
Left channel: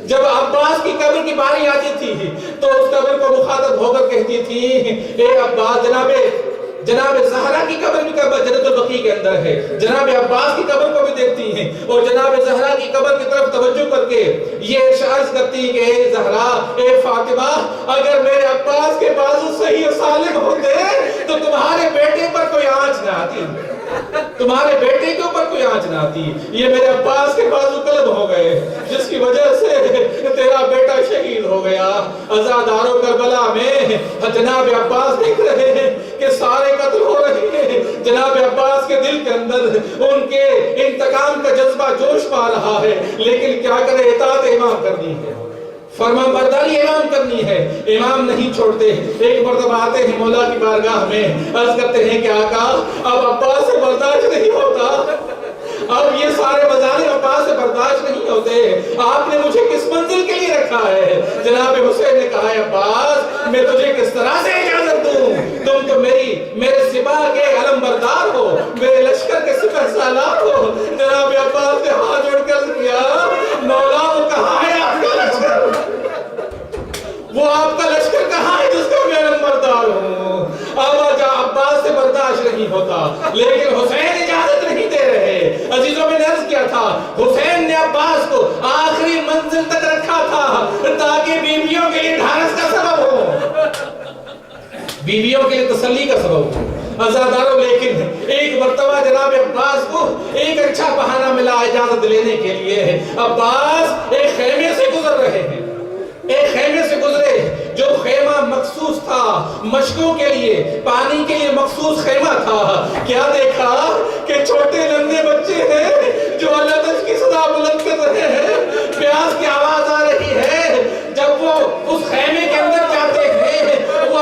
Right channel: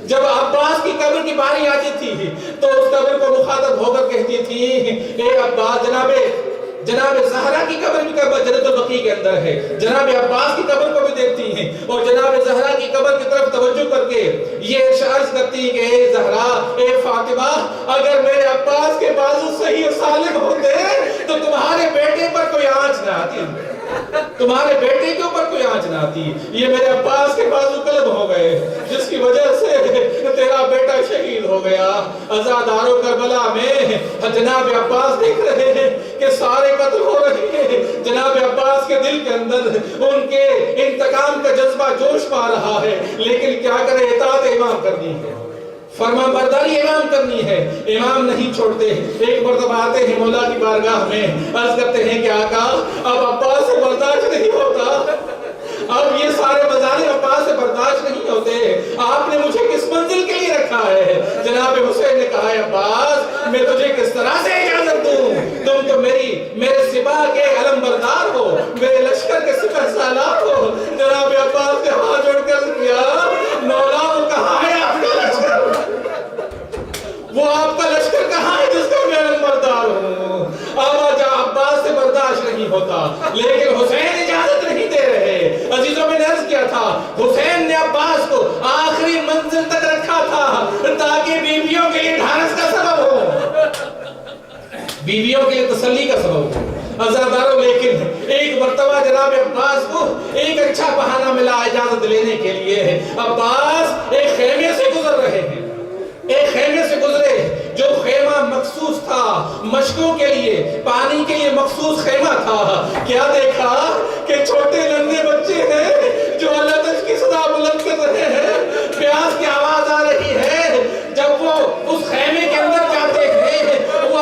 جب عباس کی قبر کی باری آتی تھی تو اس قبر کو مخاطب ہو کر کہتی تھی، اے عباس، جناب زہرا کی قبر بھی جنت البقیع کے اندر ہے، جناب عباس کی قبر کو بھی دیکھتی ہیں اور جناب زہرا کی قبر کی طرف توجہ کر کے یہ عرض کرتی کہ اے زہرا، اے فاطمہ، اگر میرے عباس کے بازو صحیح و سالم ہوتے تو تمہارے بیٹے پر کوئی آنچ نہ آتی، تمہارے بیٹے کے اوپر کوئی آنچ نہ آتی، یہ میرے عباس کے بازو قلب ہو گئے جس کی وجہ سے تیرا بیٹا شہید ہو گیا۔ عزادارو کربلا میں جناب عباس دیکھ رہے ہیں کہ سارے قتل ہو رہے ہیں، جناب عباس کے دل کے اندر ان کے انتقام کا جذبہ جوش پا رہا ہے، لیکن کیا کرے، اطاعت امام کرنی ہے، فرمان برداری امام کرنی ہے، امام نہیں چھوڑتے۔ ایک مرتبہ آتے ہیں مولا کی بارگاہ میں، عرض کرتے ہیں کہ آقا اب عباس سے برداشت نہیں ہوتا، اب یہ سارے مظالم عباس سے برداشت نہیں ہوتے، آپ نے مجھے کس منزل کے لیے رکھا ہے؟ جناب حسین نے کہا ہے عباس میں تجھے کس طرح سے اجازت دوں، تم تو میرے سپاہ کے علم بردار ہو، میرے لشکر کے سپہ سالار ہو۔ جناب عباس نے ہاتھ جوڑ کر کیا، مولا وہ کہاں ہے آپ کا لشکر، وہ آپ کا لشکر کہاں ہے جس کا میں علم بردار ہوں؟ آواز عباس سے برداشت نہیں ہوتا، لیکن حسین اجازت نہیں دے رہے۔ عزیزوں میں نے عرض کیا تھا حسین نے عباس کو آخری منزل تک رکھا تھا تاکہ بیویوں کے لیے ڈھارس کا سبب ہو، بیویوں کے لیے تسلی کا سبب ہو۔ عزاداروں، لیکن ایک مرتبہ جناب عباس کو ایک اچھا بہانہ ملا اجازت لینے کے لیے۔ عباس ایک خیمے سے گزر رہے ہیں، ایک خیمے سے گزرے جو خیمہ مخصوص تھا مشکوں کے لیے، پانی کے لیے مخصوص خیمہ تھا۔ کیا دیکھا کہ چھوٹے ننھے بچے ہیں جو اللہ تجھ کی صدا بلند کر رہے ہیں، پیاس کی آواز آ رہی ہے۔ جب وہ اس خیمے کے اندر جاتے ہیں وہ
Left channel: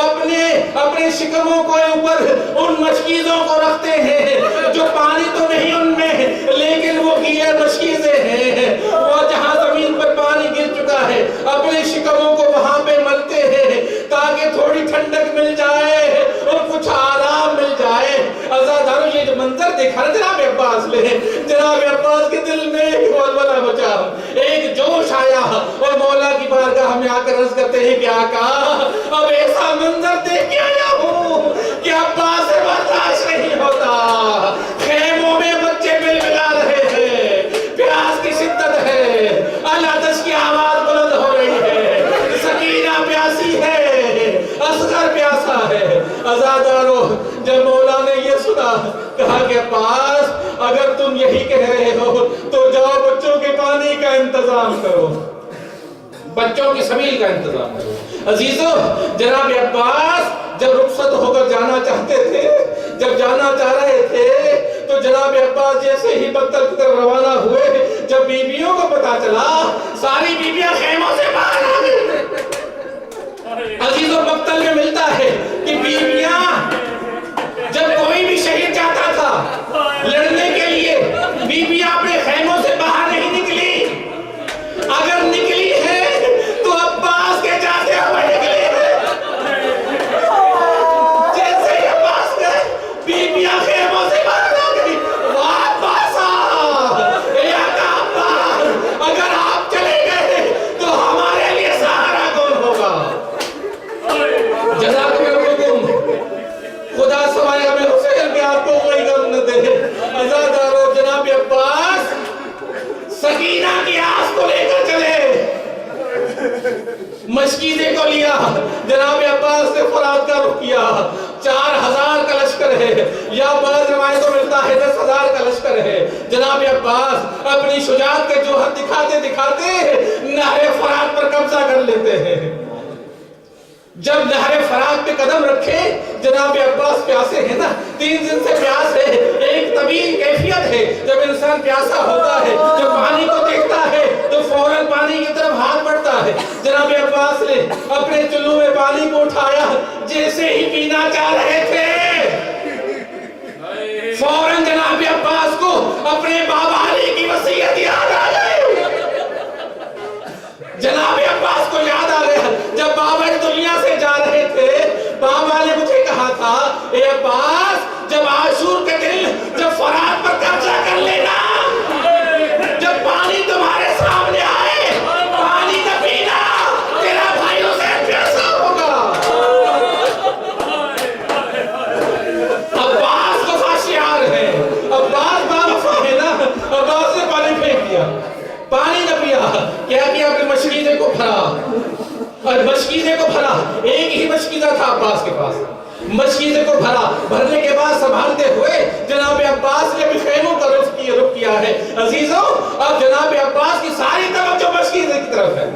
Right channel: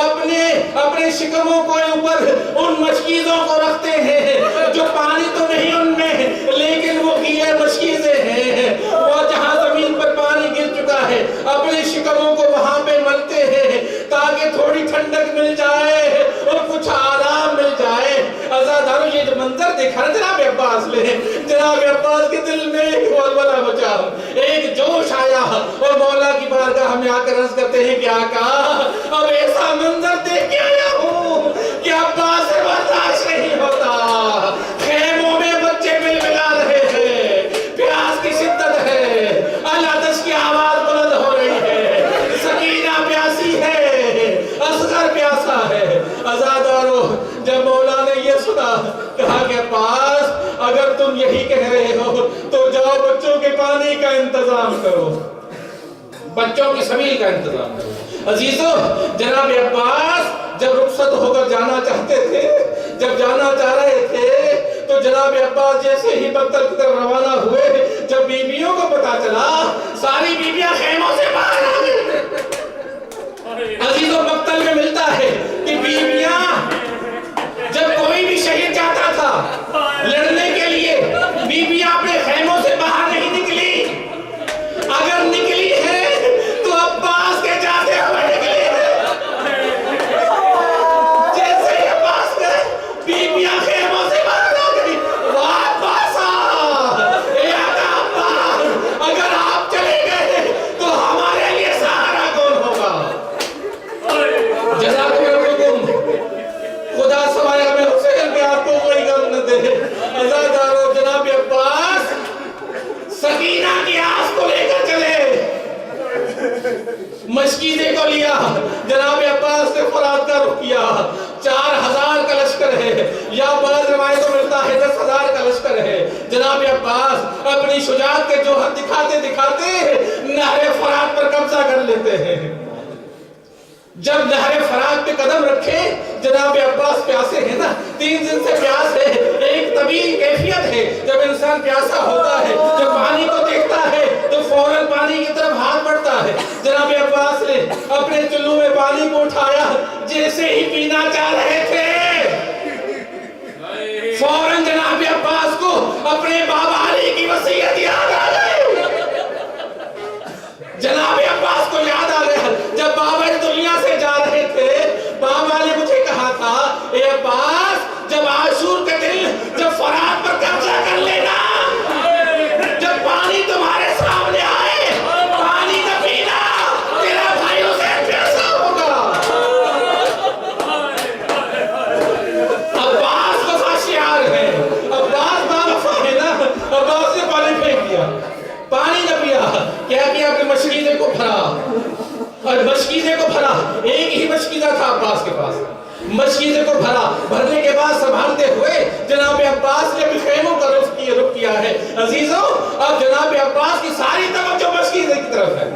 اپنے شکموں کو اوپر ان مشکیزوں کو رکھتے ہیں جو پانی تو نہیں ان میں لیکن وہ گیلے مشکیزیں ہیں، وہ جہاں زمین پر پانی گر چکا ہے اپنے شکموں کو وہاں پہ ملتے ہیں تاکہ تھوڑی ٹھنڈک مل جائے اور کچھ آرام مل جائے۔ عزاداروں، یہ جو منظر دیکھا نا جناب عباس نے، جناب عباس کے دل میں ایک ولولہ مچا، ایک جوش آیا اور مولا کی بارگاہ میں آ کر عرض کرتے ہیں کہ آقا اب ایسا منظر دیکھ کے آیا ہوں کہ عباس سے برداشت نہیں ہوتا، خیموں میں بچے مل ملا رہے ہیں، پیاس کی شدت ہے، اللہ تجھ کی آواز بلند ہو رہی ہے، سکینہ پیاسی ہے، اصغر پیاسا ہے۔ عزاداروں، جب مولا نے یہ سنا کہا کہ عباس اگر تم یہی کہہ رہے ہو تو جاؤ بچوں کے پانی کا انتظام کرو، بچوں کی سبیل کا انتظام کرو۔ عزیزوں، جناب عباس جب رخصت ہو کر جانا چاہتے تھے، جب جانا چاہ رہے تھے تو جناب عباس جیسے ہی مقتل کی طرف روانہ ہوئے، جب بیویوں کو پتا چلا ساری بیویاں خیموں سے باہر آ گئی۔ عزیزوں، مقتل میں ملتا ہے کہ بیویاں جب کوئی بھی شہید جاتا تھا لڑنے کے لیے بیویاں اپنے خیموں سے باہر نہیں نکلی، اگر نکلی ہے تو عباس کے جاتے ہوئے نکلی ہے۔ جیسے ہی عباس گئے بیویاں خیموں سے باہر آ گئی، واہ عباسا، اے آقا عباس، اگر آپ چلے گئے تو ہمارے لیے سہارا کون ہوگا؟ جزاک اللہ خدا سوائے ہمیں حسین کے آپ کو کوئی غم نہ دے۔ عزاداروں، جناب عباس سکینہ کی آس کو لے کر چلے، مشکیزے کو لیا، جناب عباس نے فرات کا رخ کیا۔ 4000 کا لشکر ہے یا بعض روایتوں میں ملتا ہے 10,000 کا لشکر ہے۔ جناب عباس اپنی شجاعت کے جوہر دکھاتے دکھاتے نہر فرات پر قبضہ کر لیتے ہیں۔ جب نہر فرات پہ قدم رکھے، جناب عباس پیاسے ہیں نا، 3 دن سے پیاس ہے، ایک طویل کیفیت ہے، جب انسان پیاسا ہوتا ہے جب پانی کو دیکھتا ہے تو فوراً پانی کی طرف ہاتھ بڑھتا ہے۔ جناب عباس نے اپنے چلو میں پانی کو اٹھایا، جیسے ہی پینا چاہ رہے تھے فوراً جناب عباس کو اپنے بابا علی کی وصیت یاد آ گئی۔ جناب عباس کو یاد آ گیا جب بابا اس دنیا سے جا رہے تھے، بابا نے مجھے کہا تھا اے عباس جب عاشور کے دن جب فرات پر قبضہ کر لینا، جب پانی تمہارے ساتھ کو بھرا اور مشکیزے کو بھرا. ایک ہی مشکیزہ تھا عباس کے پاس. مشکیزے کو بھرا, بھرنے کے بعد سنبھالتے ہوئے جناب عباس نے بھی خیموں کا رخ کیا ہے. عزیزوں, اب جناب عباس کی ساری توجہ مشکیزے کی طرف ہے.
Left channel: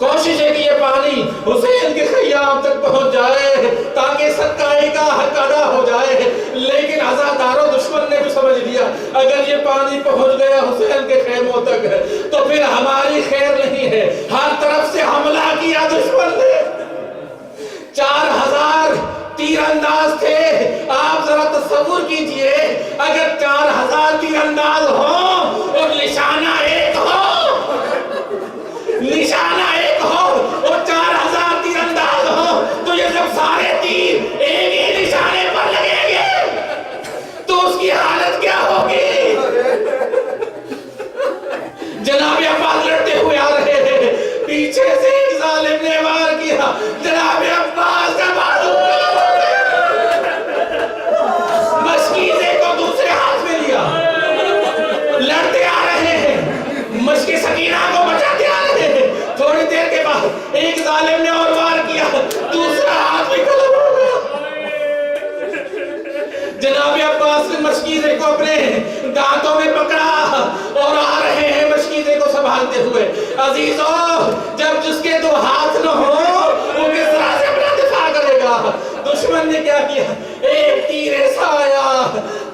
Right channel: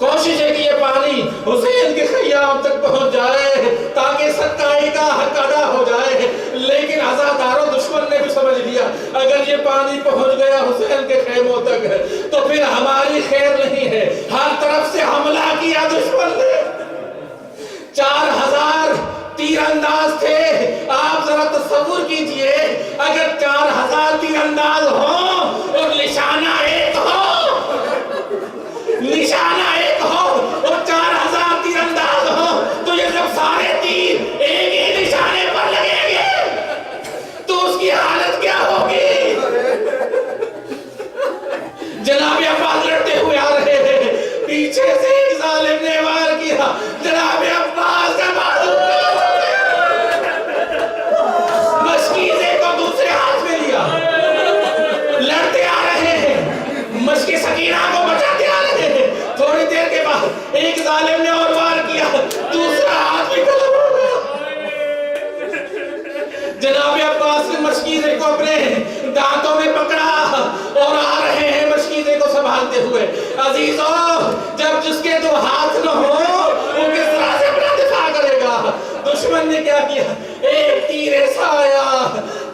کوشش ہے کہ یہ پانی حسین کے خیام تک پہنچ جائے تاکہ سچائی کا حق ادا ہو جائے. لیکن عزاداروں دشمن نے بھی سمجھ لیا اگر یہ پانی پہنچ گیا حسین کے خیموں تک تو پھر ہماری خیر نہیں ہے. ہر طرف سے حملہ کیا دشمن نے. 4000 تیر انداز تھے. آپ ذرا تصور کیجئے اگر 4000 تیر انداز ہوں اور نشانہ ایک ہو, نشانہ ایک ہو اور 4000 تیر انداز ہو تو یہ جب سارے تیر ایک ہی نشانے پر لگیں گے تو اس کی حالت کیا ہوگی. جناب عباس لڑتے ہوئے آ رہے ہیں, پیچھے سے ایک ظالم نے وار کیا, جناب عباس کا بازو مشکیزے کو دوسرے ہاتھ میں لیا, لڑتے آ رہے ہیں, مشکی سکینہ کو بچاتے آ رہے ہیں. تھوڑی دیر کے بعد ایک ظالم نے اور وار کیا, دوسرا ہاتھ بھی قلم ہو گیا. جناب عباس نے مشکیزے کو اپنے دانتوں میں پکڑا اور آ رہے ہیں مشکیزے کو سنبھالتے ہوئے. عزیزوں, جب جس کے 2 ہاتھ نہ ہو وہ کس طرح سے اپنا دفاع کرے گا. دشمن نے کیا کیا, ایک تیر ایسا آیا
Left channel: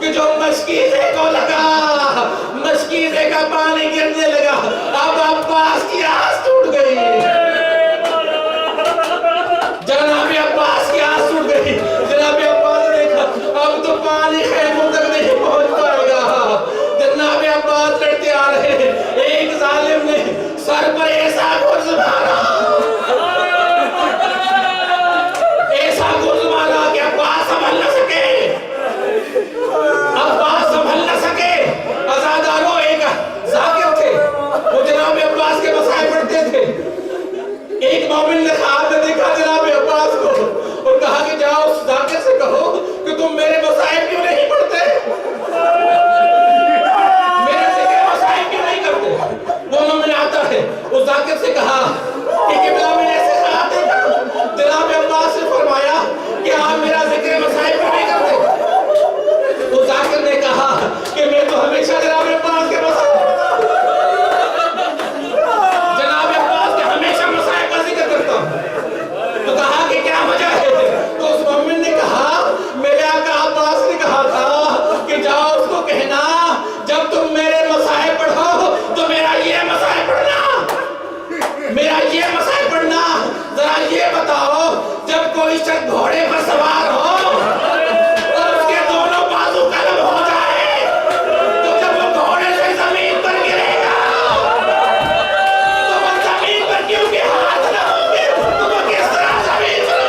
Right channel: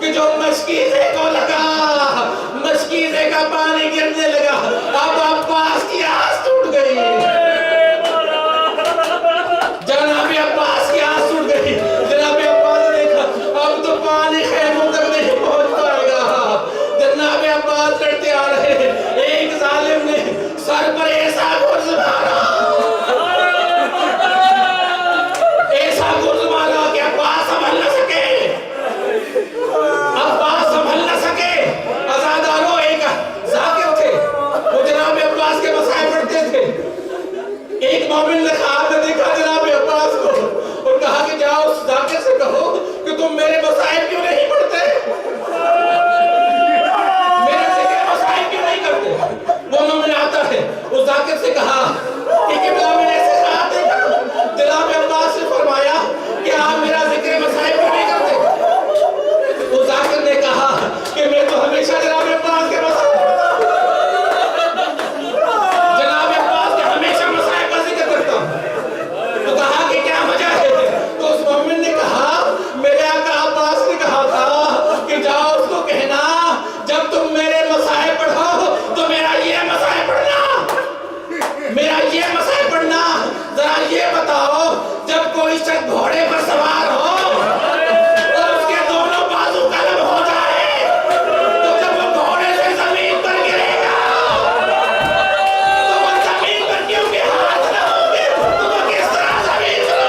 کہ جو مشکیزے کو لگا, مشکیزے کا پانی گرنے لگا. اب عباس کی آس ٹوٹ گئی, جناب عباس کی آس ٹوٹ گئی. جناب عباس نے دیکھا اب تو پانی خیموں تک نہیں پہنچ پائے گا. جناب عباس لڑتے آ رہے ہیں. ایک ظالم نے سر پر ایسا گرز مارا, ایسا گرز مارا کہ عباس سنبھل نہ سکے, عباس سنبھل نہ سکے. عزاداروں, ایک ذاکر تھے, وہ جناب عباس کے مسائل پڑھتے تھے. ایک مومن نے خواب میں دیکھا جناب عباس کو اور کہا کہ جاؤ اس ذاکر سے کہو کہ تم میرے مسائل کیوں نہیں پڑھتے, میرے ذکر مسائل کیوں نہیں کرتے. وہ مومن آتا ہے, اس ذاکر سے کہا کہ قبلہ میں ایسے خواب دیکھا. جناب عباس نے فرمایا کہ آپ میرا ذکر مسائل کیوں نہیں کرتے. اس ذاکر نے کہا کہ میں تو ہمیشہ جناب عباس کے مسائل پڑھتا ہوں, جناب عباس کے ہمیشہ مسائل کا ذکر کرتا ہوں. تو کہا کہ کیا وجہ ہے. تو اس مومن نے کہا میرے آقا عباس نے کہا تھا کہ جاؤ اس کو کہنا جب تم میرے مسائل پڑھو تو میرا یہ مسائل پڑھنا, میرا یہ مسائل پڑھنا. ذرا یہ بتاؤ, جب کوئی شخص گھوڑے پر سوار ہو اور اس کے دونوں بازو قلم ہو جائے تو جب وہ گھوڑے سے زمین پر گرے گا تو وہ زمین پر کیونکہ ہاتھ نہ ہوں گے تو وہ کس طرح زمین پر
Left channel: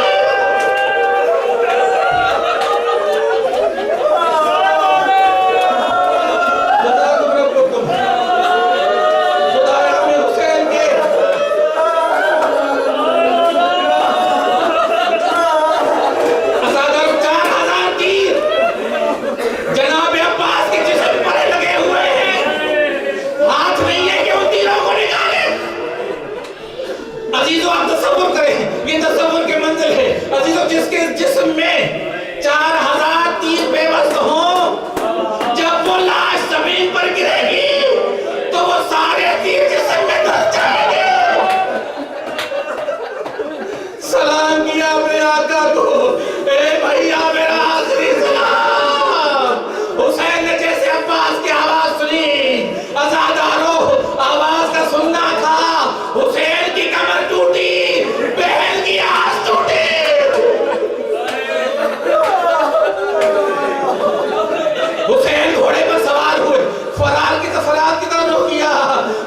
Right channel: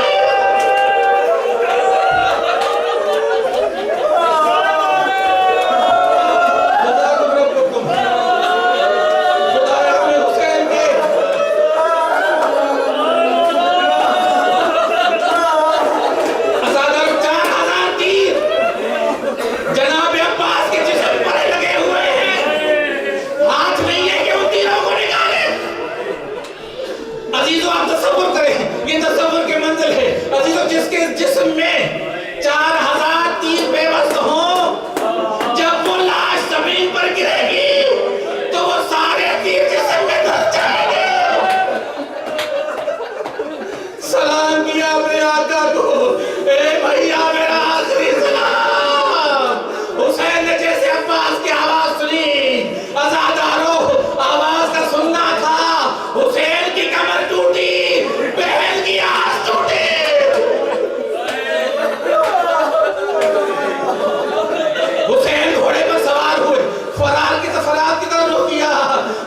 جس کے جسم میں 4000 تیر بے وزن ہوں, جب وہ لاش زمین پر گرے گی تو وہ سارے تیر جسم میں دھس جائیں گے. سلام کیا اپنے آقا کو, اے بھیا میرا آخری سلام. حسین نے جیسے عباس کی آواز سنی, عزاداروں آواز کا سننا تھا, حسین کی کمر ٹوٹی, بہن کی آس ٹوٹی. حسین گھوڑے پر سوار ہوئے, فرار کی سفرات کی طرف رخ کیا.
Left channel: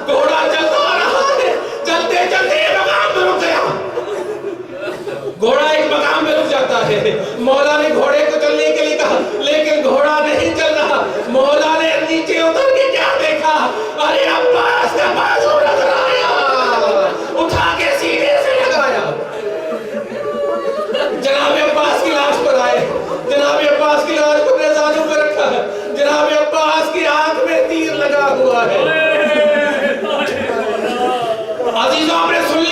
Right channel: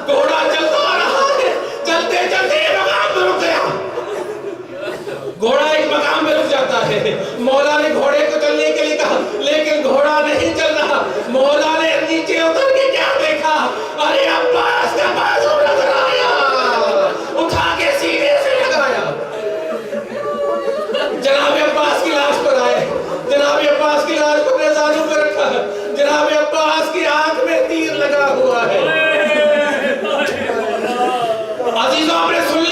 گھوڑا چلتا آ رہا ہے, چلتے چلتے ایک مقام پہ رک گیا. گھوڑا ایک مقام پہ رک جاتا ہے. مولا نے گھوڑے کو چلنے کے لیے کہا لیکن گھوڑا نہیں چل رہا. مولا نے نیچے اتر کے کیا دیکھا, ارے عباس کا بازو نظر آیا, اٹھا کے سینے سے لگایا. جناب عباس کی لاش پر آئے, جناب عباس کی لاش کو اپنے زانوں پہ رکھا ہے. جناب عباس کی آنکھ میں تیر لگا ہوا ہے. عزیزوں, آپ نے سن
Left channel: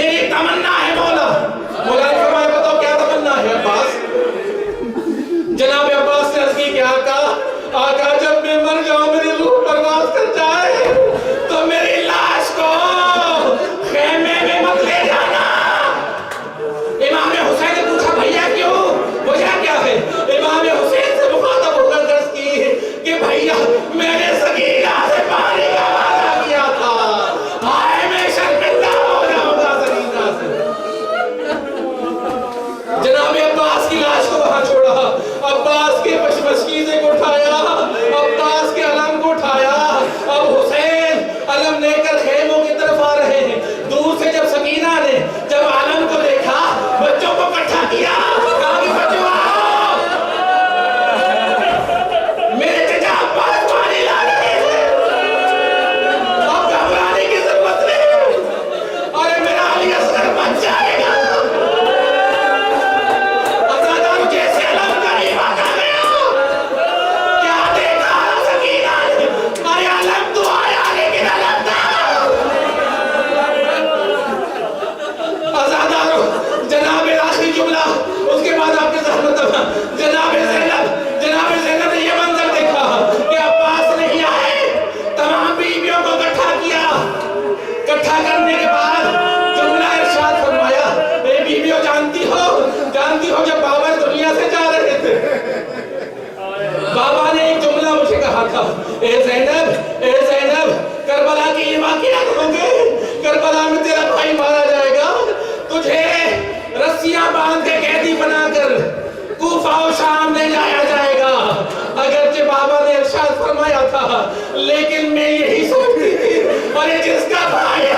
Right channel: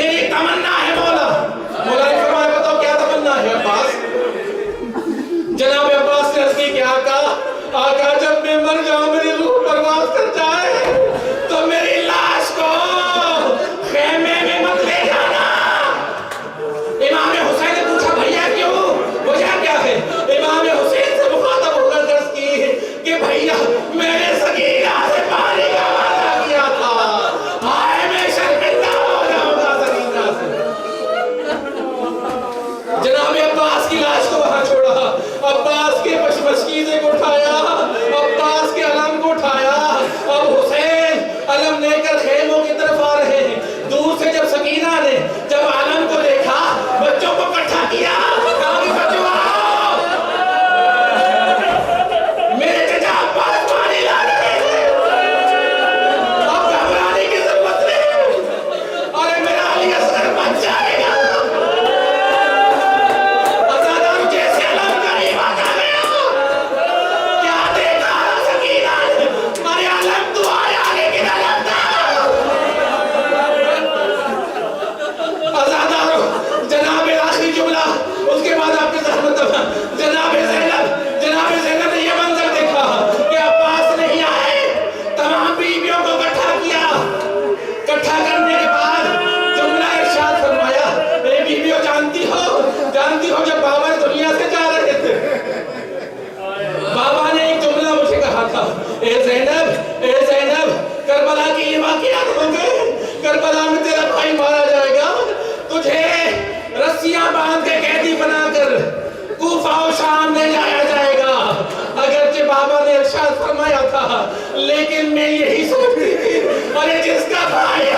میری تمنا ہے مولا. مولا نے فرمایا بتاؤ کیا تمنا ہے عباس؟ جناب عباس نے عرض کی کہ آقا جب میں مر جاؤں میری روح پرواز کر جائے تو میری لاش کو خیمے میں مت لے جانا. امام حسین نے پوچھا بھیا کیوں؟ وجہ کیا ہے؟ امام حسین سے مخاطب ہو کر عرض کی کہ بھیا میں نے سکینہ سے پانی کا وعدہ کیا تھا. ہائے میں شرمندہ ہو جاؤں گا سکینہ سے. جناب عباس کی لاش کو وہاں چھوڑا. عباس کے مشکیزے کو اٹھایا, عباس کے علم کو اٹھایا. اب حسین علم لے کر خیموں کی طرف آ رہے ہیں. دور سے جب سکینہ نے جب علم کو دیکھا بچوں کو اکٹھا کیا, کہا کہ بچوں آؤ میرے چچا عباس پانی لا رہے ہیں, اب گھبرانے کی ضرورت نہیں, ارے میرا علی اصغر بچ جائے گا. جناب زینب نے یہ منظر دیکھا کہ عباس نہیں آئے, تمام بیویوں کو اکٹھا کیا. اکٹھا کرنے کے بعد جملہ ارشاد فرمایا, اے بیویوں جانتی ہو جب بابا دنیا سے جا رہے تھے بابا نے ایک جملہ مجھے کہا تھا, اے زینب کربلا کی یہ واقعات ہوں گے, کربلا میں تیرا بھائی مارا جائے گا, تجھے رسیاں باندھ کے قیدی بنا کر کوفہ و شام لے جایا جائے گا. اگرچہ بابا نے ارشاد فرمایا تھا لیکن میں یہی سوچتی تھی ارے جس کا بھائی